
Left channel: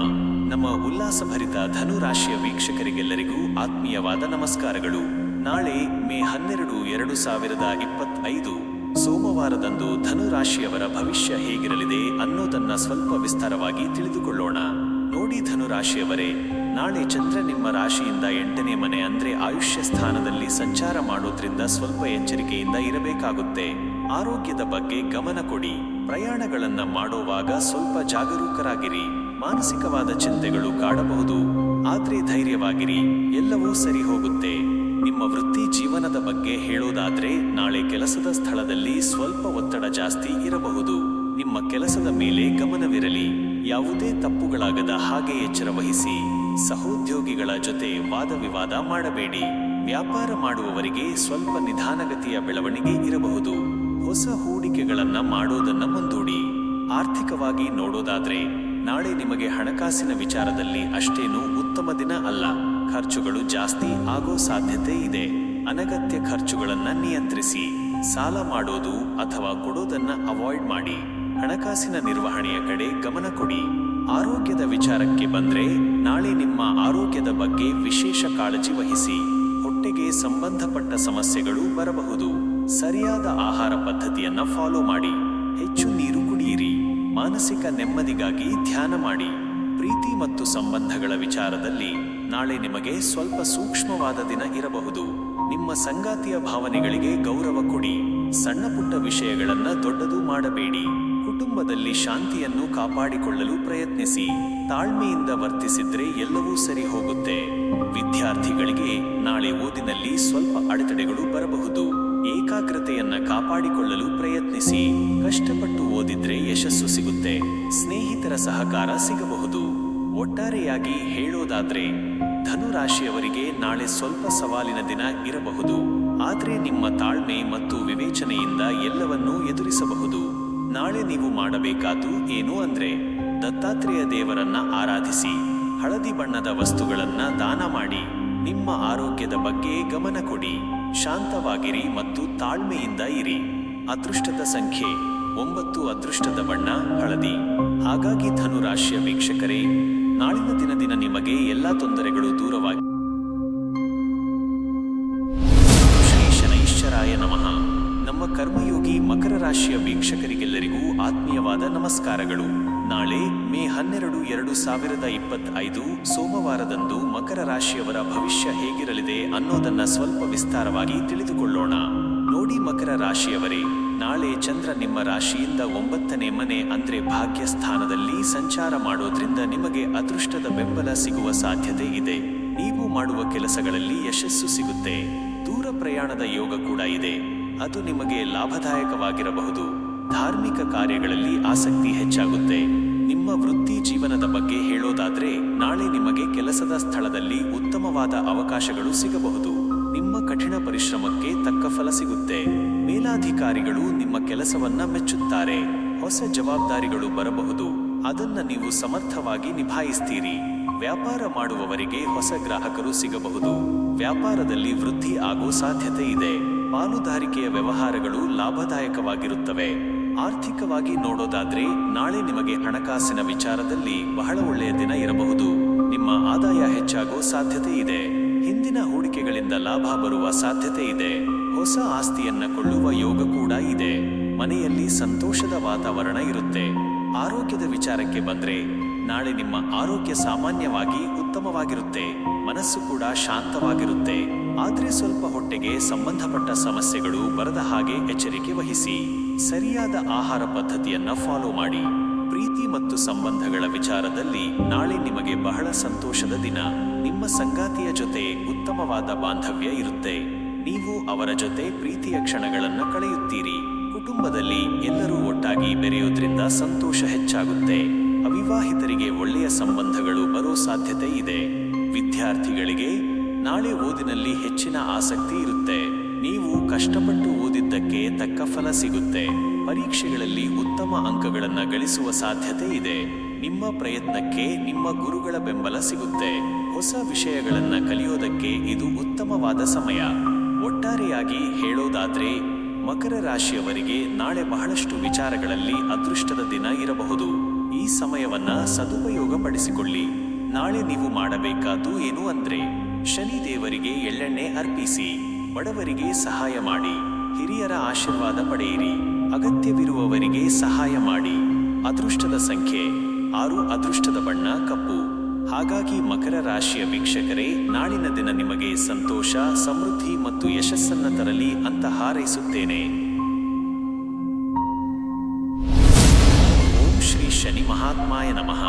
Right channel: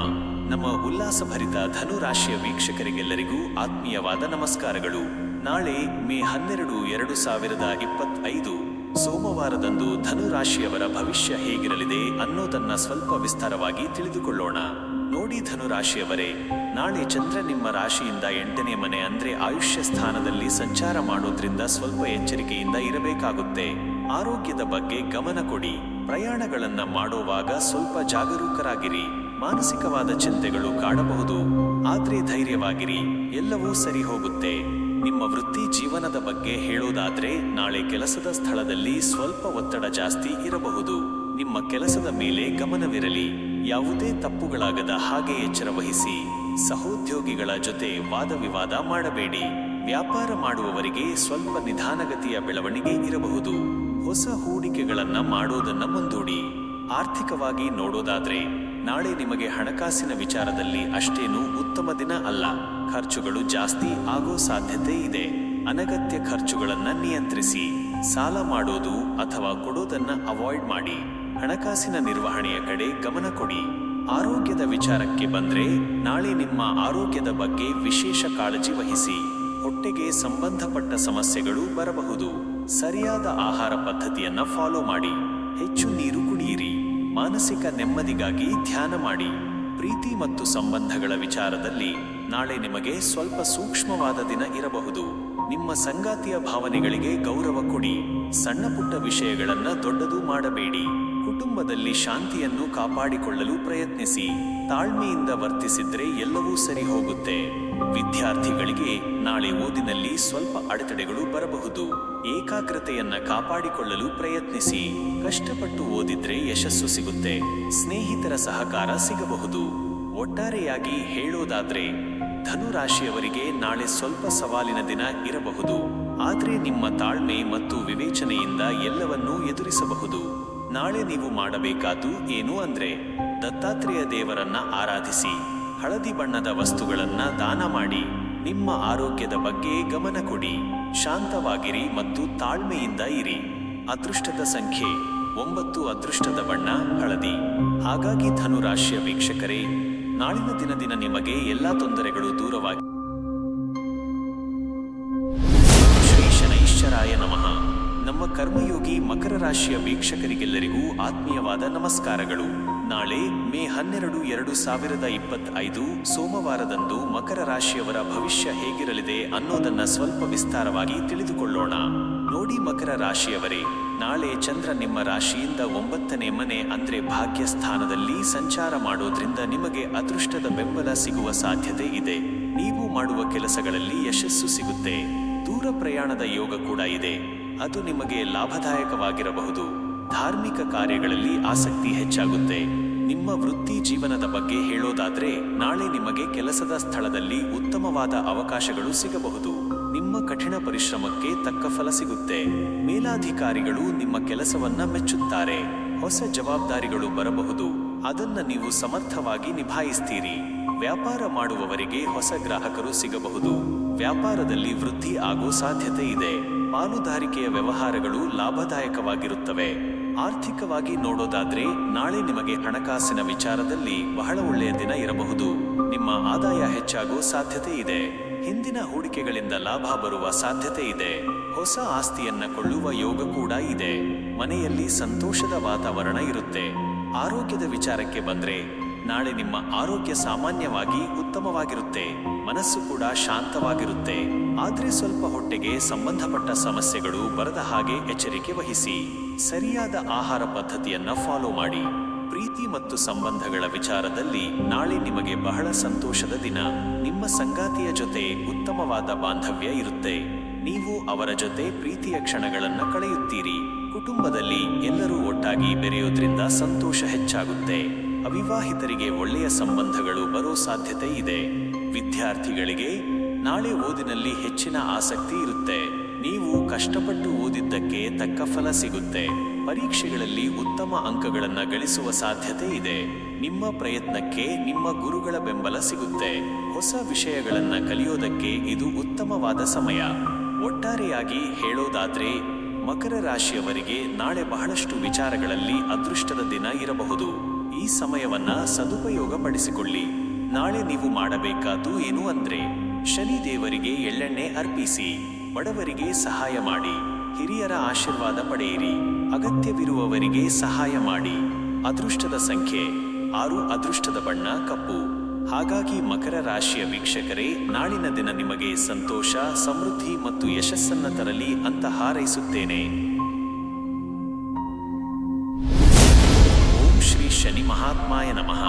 ನಮ್ಮ ಉಲ್ಲಾಸಭರಿತ ಧನು ರಾಶಿಯ ವೀಕ್ಷಕರಿಗೆಲ್ಲರಿಗೂ ಆತ್ಮೀಯವಾದ ನಮಸ್ಕಾರಗಳು. ನಾಳೆ ಮೇ 12, 2025 ಸೋಮವಾರದಂದು ಧನು ರಾಶಿಯವರ ಭವಿಷ್ಯ ಹೇಗಿರಲಿದೆ ಅನ್ನೋದನ್ನ ಸ್ವಲ್ಪ ವಿಸ್ತಾರವಾಗಿ ತಿಳಿದುಕೊಳ್ಳೋಣ. ನೋಡಿ ಧನು ರಾಶಿಯವರೇ, ನಾಳೆ ಚಂದ್ರ ನಿಮ್ಮ ರಾಶಿಯಿಂದ 8ನೇ ಮನೆ ಅಂದ್ರೆ ಆಯುಷ್ಯ ಸ್ಥಾನದಲ್ಲಿ ಸಂಚಾರ ಮಾಡೋದ್ರಿಂದ ಸ್ವಲ್ಪ ಎಚ್ಚರಿಕೆಯಿಂದ ಇರಬೇಕಾಗುತ್ತೆ. ಆರೋಗ್ಯದ ಬಗ್ಗೆ ಗಮನ ಕೊಡಿ. ಪ್ರಯಾಣಗಳನ್ನ ಮಾಡೋವಾಗ ಸ್ವಲ್ಪ ಜಾಗರೂಕರಾಗಿರಿ. ಮಾನಸಿಕವಾದ ಚಿಂತೆಗಳು ಕಾಡಬಹುದು, ಆದ್ರೆ ಧೈರ್ಯವಾಗಿರಿ, ಎಲ್ಲವೂ ಸರಿ ಹೋಗುತ್ತೆ. ನಿಮ್ಮ ವೃತ್ತಿ ಜೀವನದ ಬಗ್ಗೆ ಹೇಳೋದಾದ್ರೆ ನಾಳೆ ಕೆಲಸದ ಸ್ಥಳದಲ್ಲಿ ಸ್ವಲ್ಪ ಒತ್ತಡ ಜಾಸ್ತಿ ಇರಬಹುದು. ನಿಮ್ಮ ಕೆಲಸದ ಮೇಲೆ ಗಮನವಿರಲಿ, ಯಾವುದೇ ತಪ್ಪುಗಳಾಗದ ಹಾಗೆ ಎಚ್ಚರ ವಹಿಸಿ. ಸಹೋದ್ಯೋಗಿಗಳ ಜೊತೆ ವಾದ ವಿವಾದ ಮಾಡಬೇಡಿ. ವ್ಯಾಪಾರ ಮಾಡುವವರಿಗೆ ಸ್ವಲ್ಪ ನಿಧಾನಗತಿಯ ಬೆಳವಣಿಗೆ ಇರಬಹುದು. ಹೊಸ ಹೂಡಿಕೆಗಳನ್ನ ಮಾಡೋದನ್ನ ಮುಂದೂಡಿ. ಆರ್ಥಿಕವಾಗಿ ನೋಡೋದಾದ್ರೆ ನಾಳೆ ನಿಮಗೆ ಹಣಕಾಸಿನ ವಿಚಾರದಲ್ಲಿ ಅಷ್ಟೇನೂ ಉತ್ತಮ ದಿನ ಅಲ್ಲ. ಖರ್ಚುಗಳು ಜಾಸ್ತಿ ಆಗೋ ಸಾಧ್ಯತೆ ಇದೆ. ಅನಗತ್ಯ ಖರ್ಚುಗಳನ್ನ ನಿಯಂತ್ರಿಸಿ. ಸಾಲ ಮಾಡೋದು ಅಥವಾ ಕೊಡೋದನ್ನ ಅವಾಯ್ಡ್ ಮಾಡಿ. ಹಣಕಾಸಿನ ನಿರ್ವಹಣೆಯ ಕಡೆ ಗಮನ ಕೊಡಿ. ಆರೋಗ್ಯದ ವಿಚಾರಕ್ಕೆ ಬಂದ್ರೆ ನಾಳೆ ನಿಮ್ಮ ಆರೋಗ್ಯದ ಬಗ್ಗೆ ವಿಶೇಷ ಕಾಳಜಿ ವಹಿಸಿ. ಹೊಟ್ಟೆಗೆ ಸಂಬಂಧಪಟ್ಟ ಸಮಸ್ಯೆಗಳು ಬರಬಹುದು. ಸರಿಯಾದ ಆಹಾರ ಪದ್ಧತಿಯನ್ನ ಫಾಲೋ ಮಾಡಿ. ಹೆಚ್ಚು ನೀರು ಕುಡಿಯಿರಿ. ಮಾನಸಿಕ ನೆಮ್ಮದಿಗಾಗಿ ಧ್ಯಾನ ಮಾಡಿ. ಪ್ರೀತಿ ಮತ್ತು ಸಂಬಂಧಗಳ ವಿಚಾರದಲ್ಲಿ ನಾಳೆ ನಿಮಗೆ ಸ್ವಲ್ಪ ಸೂಕ್ಷ್ಮವಾದ ದಿನ ಇರಬಹುದು. ನಿಮ್ಮ ಸಂಗಾತಿಯ ಭಾವನೆಗಳಿಗೆ ಗೌರವ ಕೊಡಿ. ಸಣ್ಣ ಪುಟ್ಟ ವಿಷಯಗಳನ್ನ ದೊಡ್ಡದು ಮಾಡಬೇಡಿ. ಕುಟುಂಬದಲ್ಲಿ ಶಾಂತಿಯನ್ನು ಕಾಪಾಡಿಕೊಳ್ಳಲು ಪ್ರಯತ್ನಿಸಿ. ತಾಳ್ಮೆಯಿಂದ ವರ್ತಿಸಿದ್ರೆ ಎಲ್ಲವೂ ಸರಿ ಹೋಗುತ್ತೆ. ವಿದ್ಯಾರ್ಥಿಗಳಿಗೆ ನಾಳೆ ಓದಿನಲ್ಲಿ ಸ್ವಲ್ಪ ಅಡೆತಡೆಗಳು ಬರಬಹುದು. ಏಕಾಗ್ರತೆಯನ್ನ ಕಾಪಾಡಿಕೊಳ್ಳಲು ಪ್ರಯತ್ನಿಸಿ. ಕಷ್ಟಪಟ್ಟು ಓದಿದ್ರೆ ಯಶಸ್ಸು ಸಿಗುತ್ತೆ. ಸ್ನೇಹಿತರ ಸಹಕಾರ ಸಿಗಬಹುದು. ಒಟ್ಟಾರೆಯಾಗಿ ಹೇಳೋದಾದ್ರೆ ಧನುರಾಶಿಯವರಿಗೆ ನಾಳೆ ಸ್ವಲ್ಪ ಸವಾಲಿನ ದಿನ ಇರಬಹುದು. ಆದ್ರೆ ನಿಮ್ಮ ತಾಳ್ಮೆ ಮತ್ತು ವಿವೇಚನೆಯಿಂದ ಎಲ್ಲವನ್ನೂ ಎದುರಿಸಬಹುದು. ನಾಳೆ ನೀವು ಮಾಡಬೇಕಾದ್ದು ಏನು ಅಂದ್ರೆ ದತ್ತಾತ್ರೇಯ ದೇವರನ್ನ ಆರಾಧಿಸಿ. ಹಳದಿ ಬಣ್ಣದ ವಸ್ತುಗಳನ್ನ ದಾನ ಮಾಡಿ. ನಿಮ್ಮ ಆರೋಗ್ಯದ ಬಗ್ಗೆ ಗಮನ ಕೊಡಿ. ಶಾಂತವಾಗಿರಿ ಮತ್ತು ತಾಳ್ಮೆಯಿಂದ ಇರಿ. ಅದೃಷ್ಟದ ಸಂಖ್ಯೆ 9. ಅದೃಷ್ಟದ ಬಣ್ಣ ಹಳದಿ. ಹಾಗಾಗಿ ಧನುರಾಶಿಯ ವೀಕ್ಷಕರೇ, ನಾಳಿನ ದಿನ ನಿಮಗೆ ಎಲ್ಲಾ ತೊಂದರೆಗಳು ದೂರವಾಗಿ. ಶ್ರೀ ಶನೈಶ್ಚರಾಯ ನಮಃ. ನಮ್ಮ ಕರ್ಮಯೋಗಿ ಮಕರ ರಾಶಿಯ ವೀಕ್ಷಕರಿಗೆಲ್ಲರಿಗೂ ಆತ್ಮೀಯವಾದ ನಮಸ್ಕಾರಗಳು. ನಾಳೆ ಮೇ 12, 2025 ಸೋಮವಾರದಂದು ಮಕರ ರಾಶಿಯವರ ಭವಿಷ್ಯ ಹೇಗಿರಲಿದೆ ಅನ್ನೋದನ್ನ ಸ್ವಲ್ಪ ವಿಸ್ತಾರವಾಗಿ ತಿಳಿದುಕೊಳ್ಳೋಣ. ನೋಡಿ ಮಕರ ರಾಶಿಯವರೇ, ನಾಳೆ ಚಂದ್ರ ನಿಮ್ಮ ರಾಶಿಯಿಂದ 9ನೇ ಮನೆ ಅಂದ್ರೆ ಭಾಗ್ಯ ಸ್ಥಾನದಲ್ಲಿ ಸಂಚಾರ ಮಾಡೋದ್ರಿಂದ ನಿಮಗೆ ಅದೃಷ್ಟದ ಬೆಂಬಲ ಸಿಗುವ ಸಾಧ್ಯತೆ ಇದೆ. ನೀವು ಮಾಡುವ ಕೆಲಸಗಳಲ್ಲಿ ಯಶಸ್ಸು ಸಿಗುತ್ತೆ. ದೂರ ಪ್ರಯಾಣದ ಯೋಗ ಕೂಡ ಇದೆ. ಅದು ನಿಮಗೆ ಲಾಭದಾಯಕವಾಗಿರಬಹುದು. ಧಾರ್ಮಿಕ ಕಾರ್ಯಗಳಲ್ಲಿ ಆಸಕ್ತಿ ಹೆಚ್ಚಾಗುತ್ತೆ. ನಿಮ್ಮ ವೃತ್ತಿ ಜೀವನದ ಬಗ್ಗೆ ಹೇಳೋದಾದ್ರೆ ನಾಳೆ ನಿಮಗೆ ಕೆಲಸದ ಸ್ಥಳದಲ್ಲಿ ಉತ್ತಮವಾದ ಅವಕಾಶಗಳು ಸಿಗಬಹುದು. ನಿಮ್ಮ ಕಠಿಣ ಪರಿಶ್ರಮಕ್ಕೆ ತಕ್ಕ ಫಲ ಸಿಗುತ್ತೆ. ಮೇಲಾಧಿಕಾರಿಗಳು ನಿಮ್ಮ ಕೆಲಸವನ್ನ ಮೆಚ್ಚುತ್ತಾರೆ. ಹೊಸ ಜವಾಬ್ದಾರಿಗಳು ಬರಬಹುದು. ಅದನ್ನ ನೀವು ಸಮರ್ಥವಾಗಿ ನಿಭಾಯಿಸ್ತೀರಿ. ವ್ಯಾಪಾರ ಮಾಡುವವರಿಗೆ ಹೊಸ ಗ್ರಾಹಕರು ಸಿಗಬಹುದು. ವ್ಯಾಪಾರದಲ್ಲಿ ವೃದ್ಧಿ ಆಗೋ ಸಾಧ್ಯತೆ ಇದೆ. ಪಾಲುದಾರಿಕೆಯ ವ್ಯವಹಾರಗಳು ಲಾಭದಾಯಕವಾಗಿರುತ್ತವೆ. ಆರ್ಥಿಕವಾಗಿ ನೋಡೋದಾದ್ರೆ ನಾಳೆ ನಿಮಗೆ ಹಣಕಾಸಿನ ವಿಚಾರದಲ್ಲಿ ಬಹಳ ಒಳ್ಳೆಯ ದಿನ ಇರಬಹುದು. ನಿಮ್ಮ ಆದಾಯ ಹೆಚ್ಚಾಗೋ ಸಾಧ್ಯತೆ ಇದೆ. ಹಿಂದಿನ ಹೂಡಿಕೆಗಳಿಂದ ಲಾಭ ಬರುವ ಸಾಧ್ಯತೆ ಇದೆ. ಹೊಸ ಆಸ್ತಿಯನ್ನ ಕೊಳ್ಳುವ ಯೋಗ ಕೂಡ ಇದೆ. ಮನೆಯಲ್ಲಿ ಸಂತೋಷದ ವಾತಾವರಣ ಇರುತ್ತೆ. ಆರೋಗ್ಯದ ವಿಚಾರಕ್ಕೆ ಬಂದ್ರೆ ನಾಳೆ ನಿಮ್ಮ ಆರೋಗ್ಯ ಸಾಮಾನ್ಯವಾಗಿ ಉತ್ತಮವಾಗಿರುತ್ತೆ. ಮನಸ್ಸು ಕೂಡ ಶಾಂತವಾಗಿರುತ್ತೆ. ಆದ್ರೆ ಸ್ವಲ್ಪ ಹೊಟ್ಟೆಗೆ ಸಂಬಂಧಪಟ್ಟ ಸಮಸ್ಯೆಗಳು ಬರದ ಹಾಗೆ ಎಚ್ಚರಿಕೆ ವಹಿಸಿ. ಸರಿಯಾದ ಆಹಾರ ಪದ್ಧತಿಯನ್ನ ಫಾಲೋ ಮಾಡಿ. ಪ್ರೀತಿ ಮತ್ತು ಸಂಬಂಧಗಳ ವಿಚಾರದಲ್ಲಿ ನಾಳೆ ನಿಮಗೆ ಬಹಳ ಸಂತೋಷದ ದಿನ. ನಿಮ್ಮ ಸಂಗಾತಿಯ ಜೊತೆ ಉತ್ತಮವಾದ ಬಾಂಧವ್ಯ ಇರುತ್ತೆ. ನೀವು ಅವರ ಜೊತೆ ಪ್ರೀತಿಯ ಕ್ಷಣಗಳನ್ನು ಕಳೆಯುತ್ತೀರಿ. ಕುಟುಂಬದಲ್ಲಿ ಎಲ್ಲರೂ ಒಟ್ಟಾಗಿ ಬೆರೆಯೋದ್ರಿಂದ ಸಂತೋಷ ಹೆಚ್ಚಾಗುತ್ತೆ. ಅವಿವಾಹಿತರಿಗೆ ಒಳ್ಳೆಯ ಸಂಬಂಧಗಳು ಬರೋ ಸಾಧ್ಯತೆ ಇದೆ. ವಿದ್ಯಾರ್ಥಿಗಳಿಗೆ ನಾಳೆ ಓದಿನಲ್ಲಿ ಹೆಚ್ಚಿನ ಆಸಕ್ತಿ ಇರುತ್ತೆ. ನೀವು ಕಷ್ಟಪಟ್ಟು ಓದಿದ್ದಕ್ಕೆ ತಕ್ಕ ಫಲ ಸಿಗುತ್ತೆ. ಪರೀಕ್ಷೆಗಳಲ್ಲಿ ಉತ್ತಮ ಅಂಕಗಳನ್ನು ಗಳಿಸುವ ಸಾಧ್ಯತೆ ಇದೆ. ನಿಮ್ಮ ಪ್ರಯತ್ನಕ್ಕೆ ನಿಮ್ಮ ಗುರುಗಳ ಬೆಂಬಲ ಸಿಗುತ್ತೆ. ಹೊಸ ವಿಷಯಗಳನ್ನ ಕಲಿಯೋದಕ್ಕೆ ಇದು ಉತ್ತಮವಾದ ಸಮಯ. ಒಟ್ಟಾರೆಯಾಗಿ ಹೇಳೋದಾದ್ರೆ ಮಕರ ರಾಶಿಯವರಿಗೆ ನಾಳೆ ಬಹಳಷ್ಟು ವಿಚಾರಗಳಲ್ಲಿ ಅದೃಷ್ಟದ ದಿನ ಇರಬಹುದು. ಈ ಸಮಯವನ್ನ ಸದುಪಯೋಗ ಪಡಿಸಿಕೊಳ್ಳಿ. ನಾಳೆ ನೀವು ಮಾಡಬೇಕಾದ್ದು ಏನು ಅಂದ್ರೆ ಶನಿ ದೇವರಿಗೆ ಎಳ್ಳೆಣ್ಣೆ ಅರ್ಪಿಸಿ. ಬಡವರಿಗೆ ಸಹಾಯ ಮಾಡಿ. ಹಿರಿಯರ ಆಶೀರ್ವಾದ ಪಡೆಯಿರಿ. ಅಗತ್ಯವಿರುವವರಿಗೆ ಸಹಾಯ ಮಾಡಿ. ಅದೃಷ್ಟದ ಸಂಖ್ಯೆ 6. ಅದೃಷ್ಟದ ಬಣ್ಣ ಕಪ್ಪು. ಹಾಗಾಗಿ ಮಕರ ರಾಶಿಯ ವೀಕ್ಷಕರೇ, ನಾಳಿನ ದಿನ ನಿಮಗೆ ಸಂತೋಷ, ಸಮೃದ್ಧಿ ಮತ್ತು ಯಶಸ್ಸನ್ನ ತರಲಿ ಅಂತ ಹಾರೈಸುತ್ತೇನೆ. ಓಂ ಶ್ರೀ ಶನಿ ಮಹಾತ್ಮಾಯ ನಮಃ.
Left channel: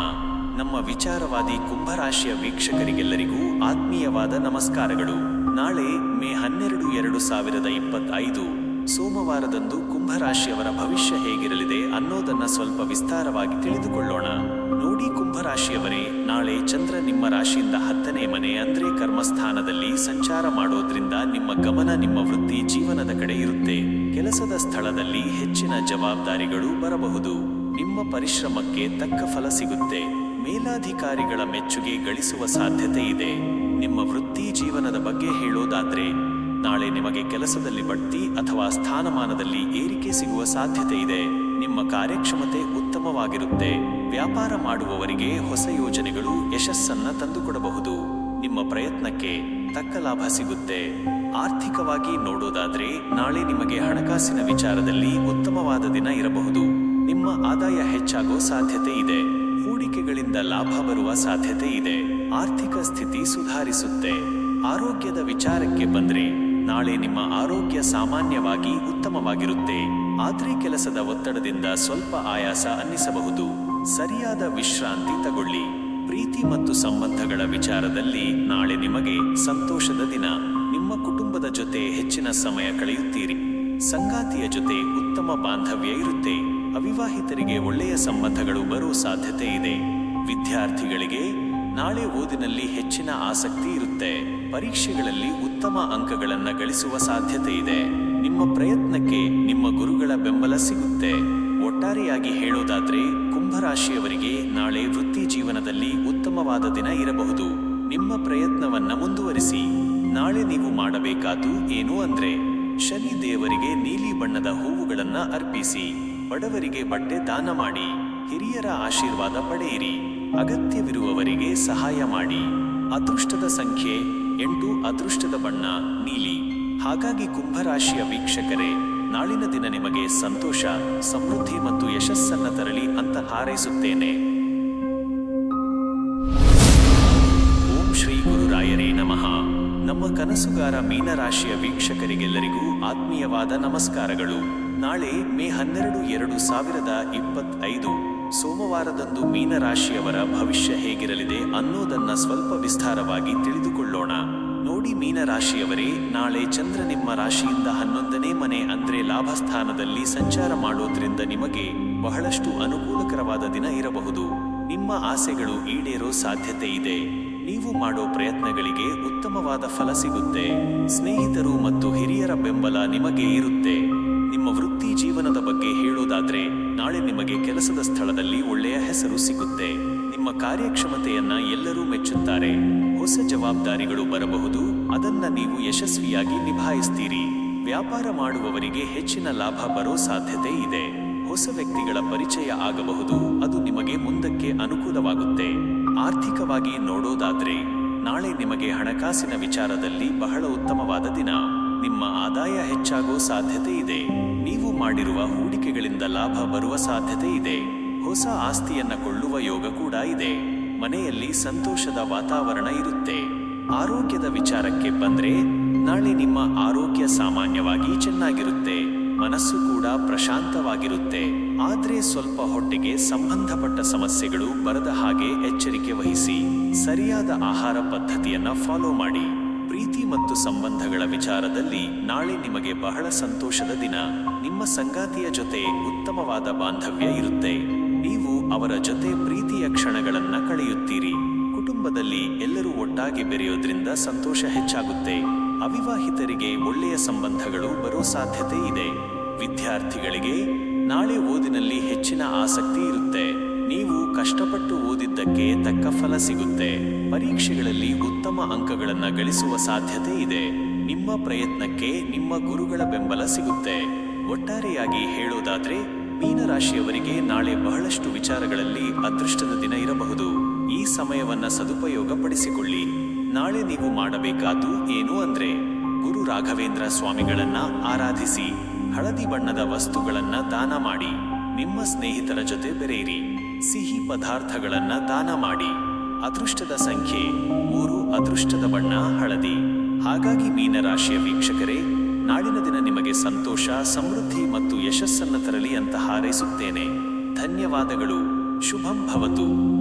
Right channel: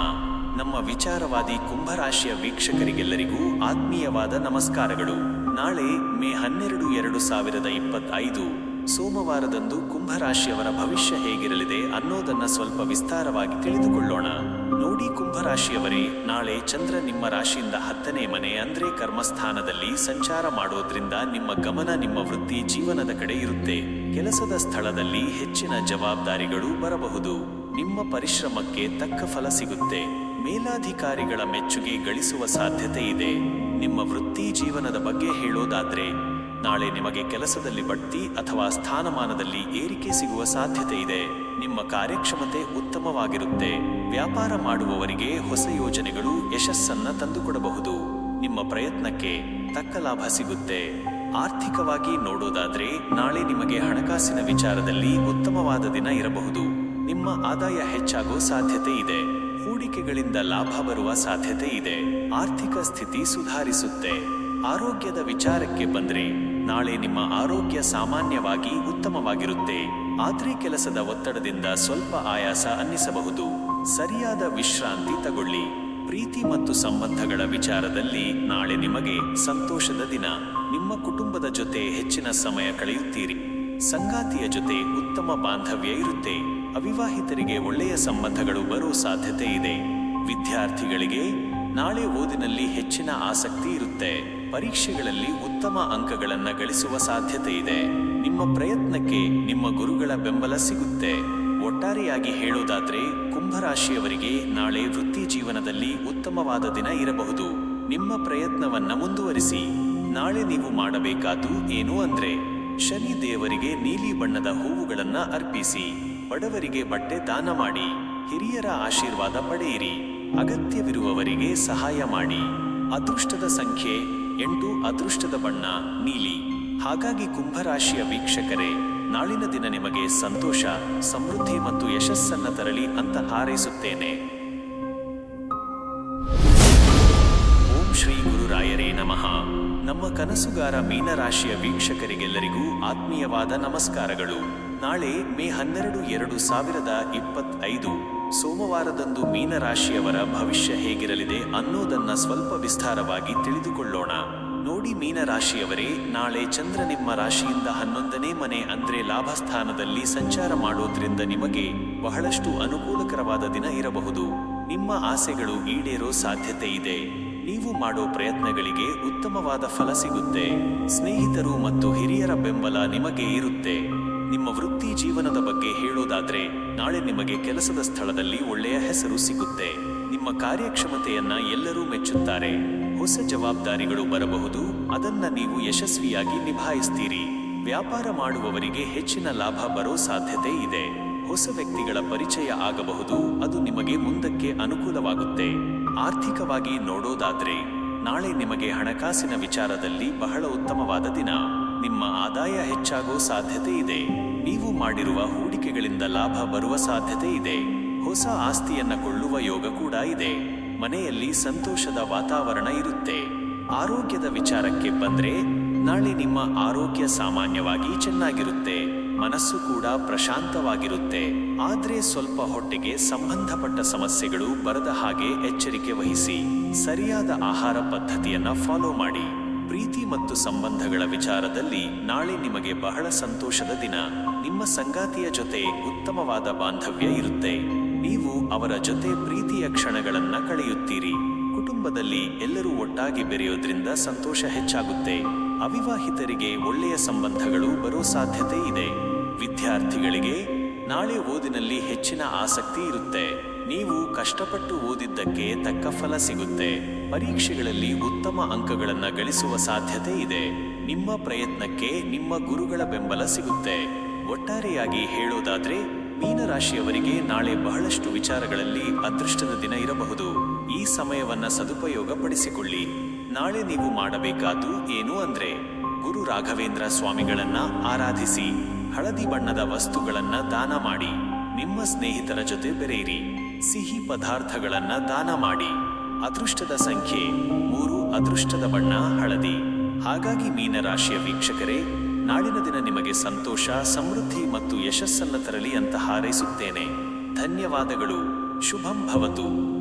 ನಮ್ಮ ವಿಚಾರವಾದಿ ಕುಂಭರಾಶಿಯ ವೀಕ್ಷಕರಿಗೆಲ್ಲರಿಗೂ ಆತ್ಮೀಯವಾದ ನಮಸ್ಕಾರಗಳು. ನಾಳೆ ಮೇ 12, 2025 ಸೋಮವಾರದಂದು ಕುಂಭರಾಶಿಯವರ ಭವಿಷ್ಯ ಹೇಗಿರಲಿದೆ ಅನ್ನೋದನ್ನ ಸ್ವಲ್ಪ ವಿಸ್ತಾರವಾಗಿ ತಿಳಿದುಕೊಳ್ಳೋಣ. ನೋಡಿ ಕುಂಭರಾಶಿಯವರೇ, ನಾಳೆ ಚಂದ್ರ ನಿಮ್ಮ ರಾಶಿಯಿಂದ 10ನೇ ಮನೆ ಅಂದ್ರೆ ಕರ್ಮಸ್ಥಾನದಲ್ಲಿ ಸಂಚಾರ ಮಾಡೋದ್ರಿಂದ ನಿಮ್ಮ ಗಮನ ನಿಮ್ಮ ವೃತ್ತಿ ಜೀವನದ ಕಡೆ ಇರುತ್ತೆ. ಕೆಲಸದ ಸ್ಥಳದಲ್ಲಿ ಹೆಚ್ಚಿನ ಜವಾಬ್ದಾರಿಗಳು ಬರಬಹುದು. ನಿಮ್ಮ ಪರಿಶ್ರಮಕ್ಕೆ ತಕ್ಕ ಫಲ ಸಿಗುತ್ತೆ. ಮೇಲಾಧಿಕಾರಿಗಳ ಮೆಚ್ಚುಗೆ ಗಳಿಸುವ ಸಾಧ್ಯತೆ ಇದೆ. ನಿಮ್ಮ ವೃತ್ತಿ ಜೀವನದ ಬಗ್ಗೆ ಹೇಳೋದಾದ್ರೆ, ನಾಳೆ ನಿಮಗೆ ಕೆಲಸದಲ್ಲಿ ಬಡ್ತಿ ಅಥವಾ ಸ್ಥಾನಮಾನದಲ್ಲಿ ಏರಿಕೆ ಸಿಗುವ ಸಾಧ್ಯತೆ ಇದೆ. ನಿಮ್ಮ ಕಾರ್ಯಕ್ಷಮತೆ ಉತ್ತಮವಾಗಿರುತ್ತೆ. ವ್ಯಾಪಾರ ಮಾಡುವವರಿಗೆ ಹೊಸ ಯೋಜನೆಗಳು ಯಶಸ್ಸನ್ನ ತಂದುಕೊಡಬಹುದು. ನಿಮ್ಮ ಪ್ರಯತ್ನಕ್ಕೆ ತಕ್ಕ ಲಾಭ ಸಿಗುತ್ತೆ. ಆರ್ಥಿಕವಾಗಿ ನೋಡೋದಾದ್ರೆ, ನಾಳೆ ನಿಮಗೆ ಹಣಕಾಸಿನ ವಿಚಾರದಲ್ಲಿ ಉತ್ತಮವಾದ ದಿನ ಇರಬಹುದು. ನಿಮ್ಮ ಆದಾಯ ಹೆಚ್ಚಾಗೋ ಸಾಧ್ಯತೆ ಇದೆ. ಹೂಡಿಕೆಗಳಿಂದ ಲಾಭ ಬರುವ ಸಾಧ್ಯತೆ ಇದೆ. ಆರ್ಥಿಕ ಸ್ಥಿತಿ ಸುಧಾರಿಸುತ್ತೆ. ಆರೋಗ್ಯದ ವಿಚಾರಕ್ಕೆ ಬಂದ್ರೆ, ನಾಳೆ ನಿಮ್ಮ ಆರೋಗ್ಯ ಸಾಮಾನ್ಯವಾಗಿ ಉತ್ತಮವಾಗಿರುತ್ತೆ. ಆದ್ರೆ ಕೆಲಸದ ಒತ್ತಡದಿಂದ ಸ್ವಲ್ಪ ಆಯಾಸ ಅನ್ನಿಸಬಹುದು. ಸರಿಯಾದ ವಿಶ್ರಾಂತಿ ತಗೊಳ್ಳಿ. ಪ್ರೀತಿ ಮತ್ತು ಸಂಬಂಧಗಳ ವಿಚಾರದಲ್ಲಿ ನಾಳೆ ನಿಮಗೆ ಸಂತೋಷದ ದಿನ. ನಿಮ್ಮ ಕುಟುಂಬದ ಜೊತೆ ಹೆಚ್ಚಿನ ಸಮಯ ಕಳೆಯುತ್ತೀರಿ. ಸಂಗಾತಿಯ ಜೊತೆ ಉತ್ತಮ ಬಾಂಧವ್ಯ ಇರುತ್ತೆ. ಅವಿವಾಹಿತರಿಗೆ ಒಳ್ಳೆಯ ಸಂಬಂಧಗಳು ಬರೋ ಸಾಧ್ಯತೆ ಇದೆ. ವಿದ್ಯಾರ್ಥಿಗಳಿಗೆ ನಾಳೆ ಓದಿನಲ್ಲಿ ಹೆಚ್ಚಿನ ಆಸಕ್ತಿ ಇರುತ್ತೆ. ಪರೀಕ್ಷೆಗಳಲ್ಲಿ ಉತ್ತಮ ಅಂಕಗಳನ್ನು ಗಳಿಸುವ ಸಾಧ್ಯತೆ ಇದೆ. ನಿಮ್ಮ ಪ್ರಯತ್ನಕ್ಕೆ ನಿಮ್ಮ ಗುರುಗಳ ಬೆಂಬಲ ಸಿಗುತ್ತೆ. ಒಟ್ಟಾರೆಯಾಗಿ ಹೇಳೋದಾದ್ರೆ, ಕುಂಭರಾಶಿಯವರಿಗೆ ನಾಳೆ ವೃತ್ತಿ ಜೀವನದಲ್ಲಿ ಉತ್ತಮವಾದ ದಿನ ಇರಬಹುದು. ನಿಮ್ಮ ಪ್ರಯತ್ನವನ್ನ ಮುಂದುವರಿಸಿ. ನಾಳೆ ನೀವು ಮಾಡಬೇಕಾದ್ದು ಏನು ಅಂದ್ರೆ, ಶನಿ ದೇವರಿಗೆ ನೀಲಿ ಬಣ್ಣದ ಹೂವುಗಳನ್ನ ಅರ್ಪಿಸಿ. ಬಡವರಿಗೆ ಬಟ್ಟೆ ದಾನ ಮಾಡಿ. ಹಿರಿಯರ ಆಶೀರ್ವಾದ ಪಡೆಯಿರಿ. ಅಗತ್ಯವಿರುವವರಿಗೆ ಸಹಾಯ ಮಾಡಿ. ಅದೃಷ್ಟದ ಸಂಖ್ಯೆ 8, ಅದೃಷ್ಟದ ಬಣ್ಣ ನೀಲಿ. ಹಾಗಾಗಿ ಕುಂಭರಾಶಿಯ ವೀಕ್ಷಕರೇ, ನಾಳಿನ ದಿನ ನಿಮಗೆ ಸಂತೋಷ, ಸಮೃದ್ಧಿ ಮತ್ತು ಯಶಸ್ಸನ್ನ ತರಲಿ ಅಂತ ಹಾರೈಸುತ್ತೇನೆ. ಓಂ ಶ್ರೀ ಗುರುರಾಯರೇ ನಮಃ. ನಮ್ಮ ಕನಸುಗಾರ ಮೀನರಾಶಿಯ ವೀಕ್ಷಕರಿಗೆಲ್ಲರಿಗೂ ಆತ್ಮೀಯವಾದ ನಮಸ್ಕಾರಗಳು. ನಾಳೆ ಮೇ 12, 2025 ಸೋಮವಾರದಂದು ಮೀನರಾಶಿಯವರ ಭವಿಷ್ಯ ಹೇಗಿರಲಿದೆ ಅನ್ನೋದನ್ನ ಸ್ವಲ್ಪ ವಿಸ್ತಾರವಾಗಿ ತಿಳಿದುಕೊಳ್ಳೋಣ. ನೋಡಿ ಮೀನರಾಶಿಯವರೇ, ನಾಳೆ ಚಂದ್ರ ನಿಮ್ಮ ರಾಶಿಯಿಂದ 11ನೇ ಮನೆ ಅಂದ್ರೆ ಲಾಭಸ್ಥಾನದಲ್ಲಿ ಸಂಚಾರ ಮಾಡೋದ್ರಿಂದ ನಿಮಗೆ ಬಹಳಷ್ಟು ಅನುಕೂಲಕರವಾದ ದಿನ ಇರಬಹುದು. ನಿಮ್ಮ ಆಸೆಗಳು ಈಡೇರೋ ಸಾಧ್ಯತೆ ಇದೆ. ನೀವು ಮಾಡೋ ಪ್ರಯತ್ನಗಳಿಗೆ ಉತ್ತಮವಾದ ಫಲ ಸಿಗುತ್ತೆ. ಸ್ನೇಹಿತರು ಮತ್ತು ಹಿರಿಯರ ಬೆಂಬಲ ನಿಮಗೆ ಇರುತ್ತೆ. ನಿಮ್ಮ ವೃತ್ತಿ ಜೀವನದ ಬಗ್ಗೆ ಹೇಳೋದಾದ್ರೆ, ನಾಳೆ ನಿಮಗೆ ಕೆಲಸದ ಸ್ಥಳದಲ್ಲಿ ಒಳ್ಳೆಯ ಹೆಸರು ಸಿಗುತ್ತೆ. ನಿಮ್ಮ ಕಾರ್ಯಕ್ಷಮತೆಯನ್ನ ಎಲ್ಲರೂ ಮೆಚ್ಚುತ್ತಾರೆ. ಹೊಸ ಜವಾಬ್ದಾರಿಗಳು ಬರಬಹುದು. ಅದನ್ನ ನೀವು ಯಶಸ್ವಿಯಾಗಿ ನಿಭಾಯಿಸ್ತೀರಿ. ವ್ಯಾಪಾರ ಮಾಡುವವರಿಗೆ ಹೆಚ್ಚಿನ ಲಾಭ ಬರೋ ಸಾಧ್ಯತೆ ಇದೆ. ಹೊಸ ವ್ಯಕ್ತಿಗಳ ಪರಿಚಯ ಆಗಬಹುದು. ಅದು ನಿಮಗೆ ಮುಂದಕ್ಕೆ ಅನುಕೂಲವಾಗುತ್ತೆ. ಆರ್ಥಿಕವಾಗಿ ನೋಡೋದಾದ್ರೆ, ನಾಳೆ ನಿಮಗೆ ಹಣಕಾಸಿನ ವಿಚಾರದಲ್ಲಿ ಬಹಳ ಉತ್ತಮವಾದ ದಿನ. ನಿಮ್ಮ ಆದಾಯ ಹೆಚ್ಚಾಗೋ ಸಾಧ್ಯತೆ ಇದೆ. ನೀವು ಮಾಡಿರುವ ಹೂಡಿಕೆಗಳಿಂದ ಲಾಭ ಬರುವ ಸಾಧ್ಯತೆ ಇದೆ. ಹೊಸ ಆಸ್ತಿಯನ್ನ ಕೊಳ್ಳುವ ಯೋಗ ಕೂಡ ಇದೆ. ಮನೆಯಲ್ಲಿ ಸಂತೋಷದ ವಾತಾವರಣ ಇರುತ್ತೆ. ಆರೋಗ್ಯದ ವಿಚಾರಕ್ಕೆ ಬಂದ್ರೆ, ನಾಳೆ ನಿಮ್ಮ ಆರೋಗ್ಯ ಸಾಮಾನ್ಯವಾಗಿ ಚೆನ್ನಾಗಿರುತ್ತೆ. ಮನಸ್ಸು ಕೂಡ ಪ್ರಶಾಂತವಾಗಿರುತ್ತೆ. ಆದ್ರೆ ಸ್ವಲ್ಪ ಹೊಟ್ಟೆಗೆ ಸಂಬಂಧಪಟ್ಟ ಸಮಸ್ಯೆಗಳು ಬರದ ಹಾಗೆ ಎಚ್ಚರಿಕೆ ವಹಿಸಿ. ಸರಿಯಾದ ಆಹಾರ ಪದ್ಧತಿಯನ್ನ ಫಾಲೋ ಮಾಡಿ. ಪ್ರೀತಿ ಮತ್ತು ಸಂಬಂಧಗಳ ವಿಚಾರದಲ್ಲಿ ನಾಳೆ ನಿಮಗೆ ಬಹಳ ಸಂತೋಷದ ದಿನ. ನಿಮ್ಮ ಸಂಗಾತಿಯ ಜೊತೆ ಉತ್ತಮವಾದ ಬಾಂಧವ್ಯ ಇರುತ್ತೆ. ನೀವು ಅವರ ಜೊತೆ ಪ್ರೀತಿಯ ಕ್ಷಣಗಳನ್ನ ಕಳೆಯುತ್ತೀರಿ. ಕುಟುಂಬದಲ್ಲಿ ಎಲ್ಲರೂ ಒಟ್ಟಾಗಿ ಬೆರೆಯೋದ್ರಿಂದ ಸಂತೋಷ ಹೆಚ್ಚಾಗುತ್ತೆ. ಅವಿವಾಹಿತರಿಗೆ ಒಳ್ಳೆಯ ಸಂಬಂಧಗಳು ಬರೋ ಸಾಧ್ಯತೆ ಇದೆ. ವಿದ್ಯಾರ್ಥಿಗಳಿಗೆ ನಾಳೆ ಓದಿನಲ್ಲಿ ಹೆಚ್ಚಿನ ಆಸಕ್ತಿ ಇರುತ್ತೆ. ನೀವು ಕಷ್ಟಪಟ್ಟು ಓದಿದ್ದಕ್ಕೆ ತಕ್ಕ ಫಲ ಸಿಗುತ್ತೆ. ಪರೀಕ್ಷೆಗಳಲ್ಲಿ ಉತ್ತಮ ಅಂಕಗಳನ್ನು ಗಳಿಸುವ ಸಾಧ್ಯತೆ ಇದೆ. ನಿಮ್ಮ ಪ್ರಯತ್ನಕ್ಕೆ ನಿಮ್ಮ ಗುರುಗಳ ಬೆಂಬಲ ಸಿಗುತ್ತೆ. ಒಟ್ಟಾರೆಯಾಗಿ ಹೇಳೋದಾದ್ರೆ, ಮೀನರಾಶಿಯವರಿಗೆ ನಾಳೆ ಬಹಳಷ್ಟು ವಿಚಾರಗಳಲ್ಲಿ ಅದೃಷ್ಟದ ದಿನ ಇರಬಹುದು. ಈ ಸಮಯವನ್ನ ಸದುಪಯೋಗ ಪಡಿಸಿಕೊಳ್ಳಿ. ನಾಳೆ ನೀವು ಮಾಡಬೇಕಾದ್ದು ಏನು ಅಂದ್ರೆ, ಗುರು ರಾಘವೇಂದ್ರ ಸ್ವಾಮಿಗಳನ್ನ ಆರಾಧಿಸಿ. ಹಳದಿ ಬಣ್ಣದ ವಸ್ತುಗಳನ್ನ ದಾನ ಮಾಡಿ. ನಿಮ್ಮ ಸ್ನೇಹಿತರ ಜೊತೆ ಬೆರೆಯಿರಿ. ಸಿಹಿ ಪದಾರ್ಥಗಳನ್ನ ದಾನ ಮಾಡಿ. ಅದೃಷ್ಟದ ಸಂಖ್ಯೆ 3, ಅದೃಷ್ಟದ ಬಣ್ಣ ಹಳದಿ. ಹಾಗಾಗಿ ಮೀನರಾಶಿಯ ವೀಕ್ಷಕರೇ, ನಾಳಿನ ದಿನ ನಿಮಗೆ ಸಂತೋಷ, ಸಮೃದ್ಧಿ ಮತ್ತು ಯಶಸ್ಸನ್ನು ತರಲಿ ಅಂತ ಹಾರೈಸುತ್ತೇನೆ. ಧನ್ಯವಾದಗಳು. ಶುಭಂ ಭವತು.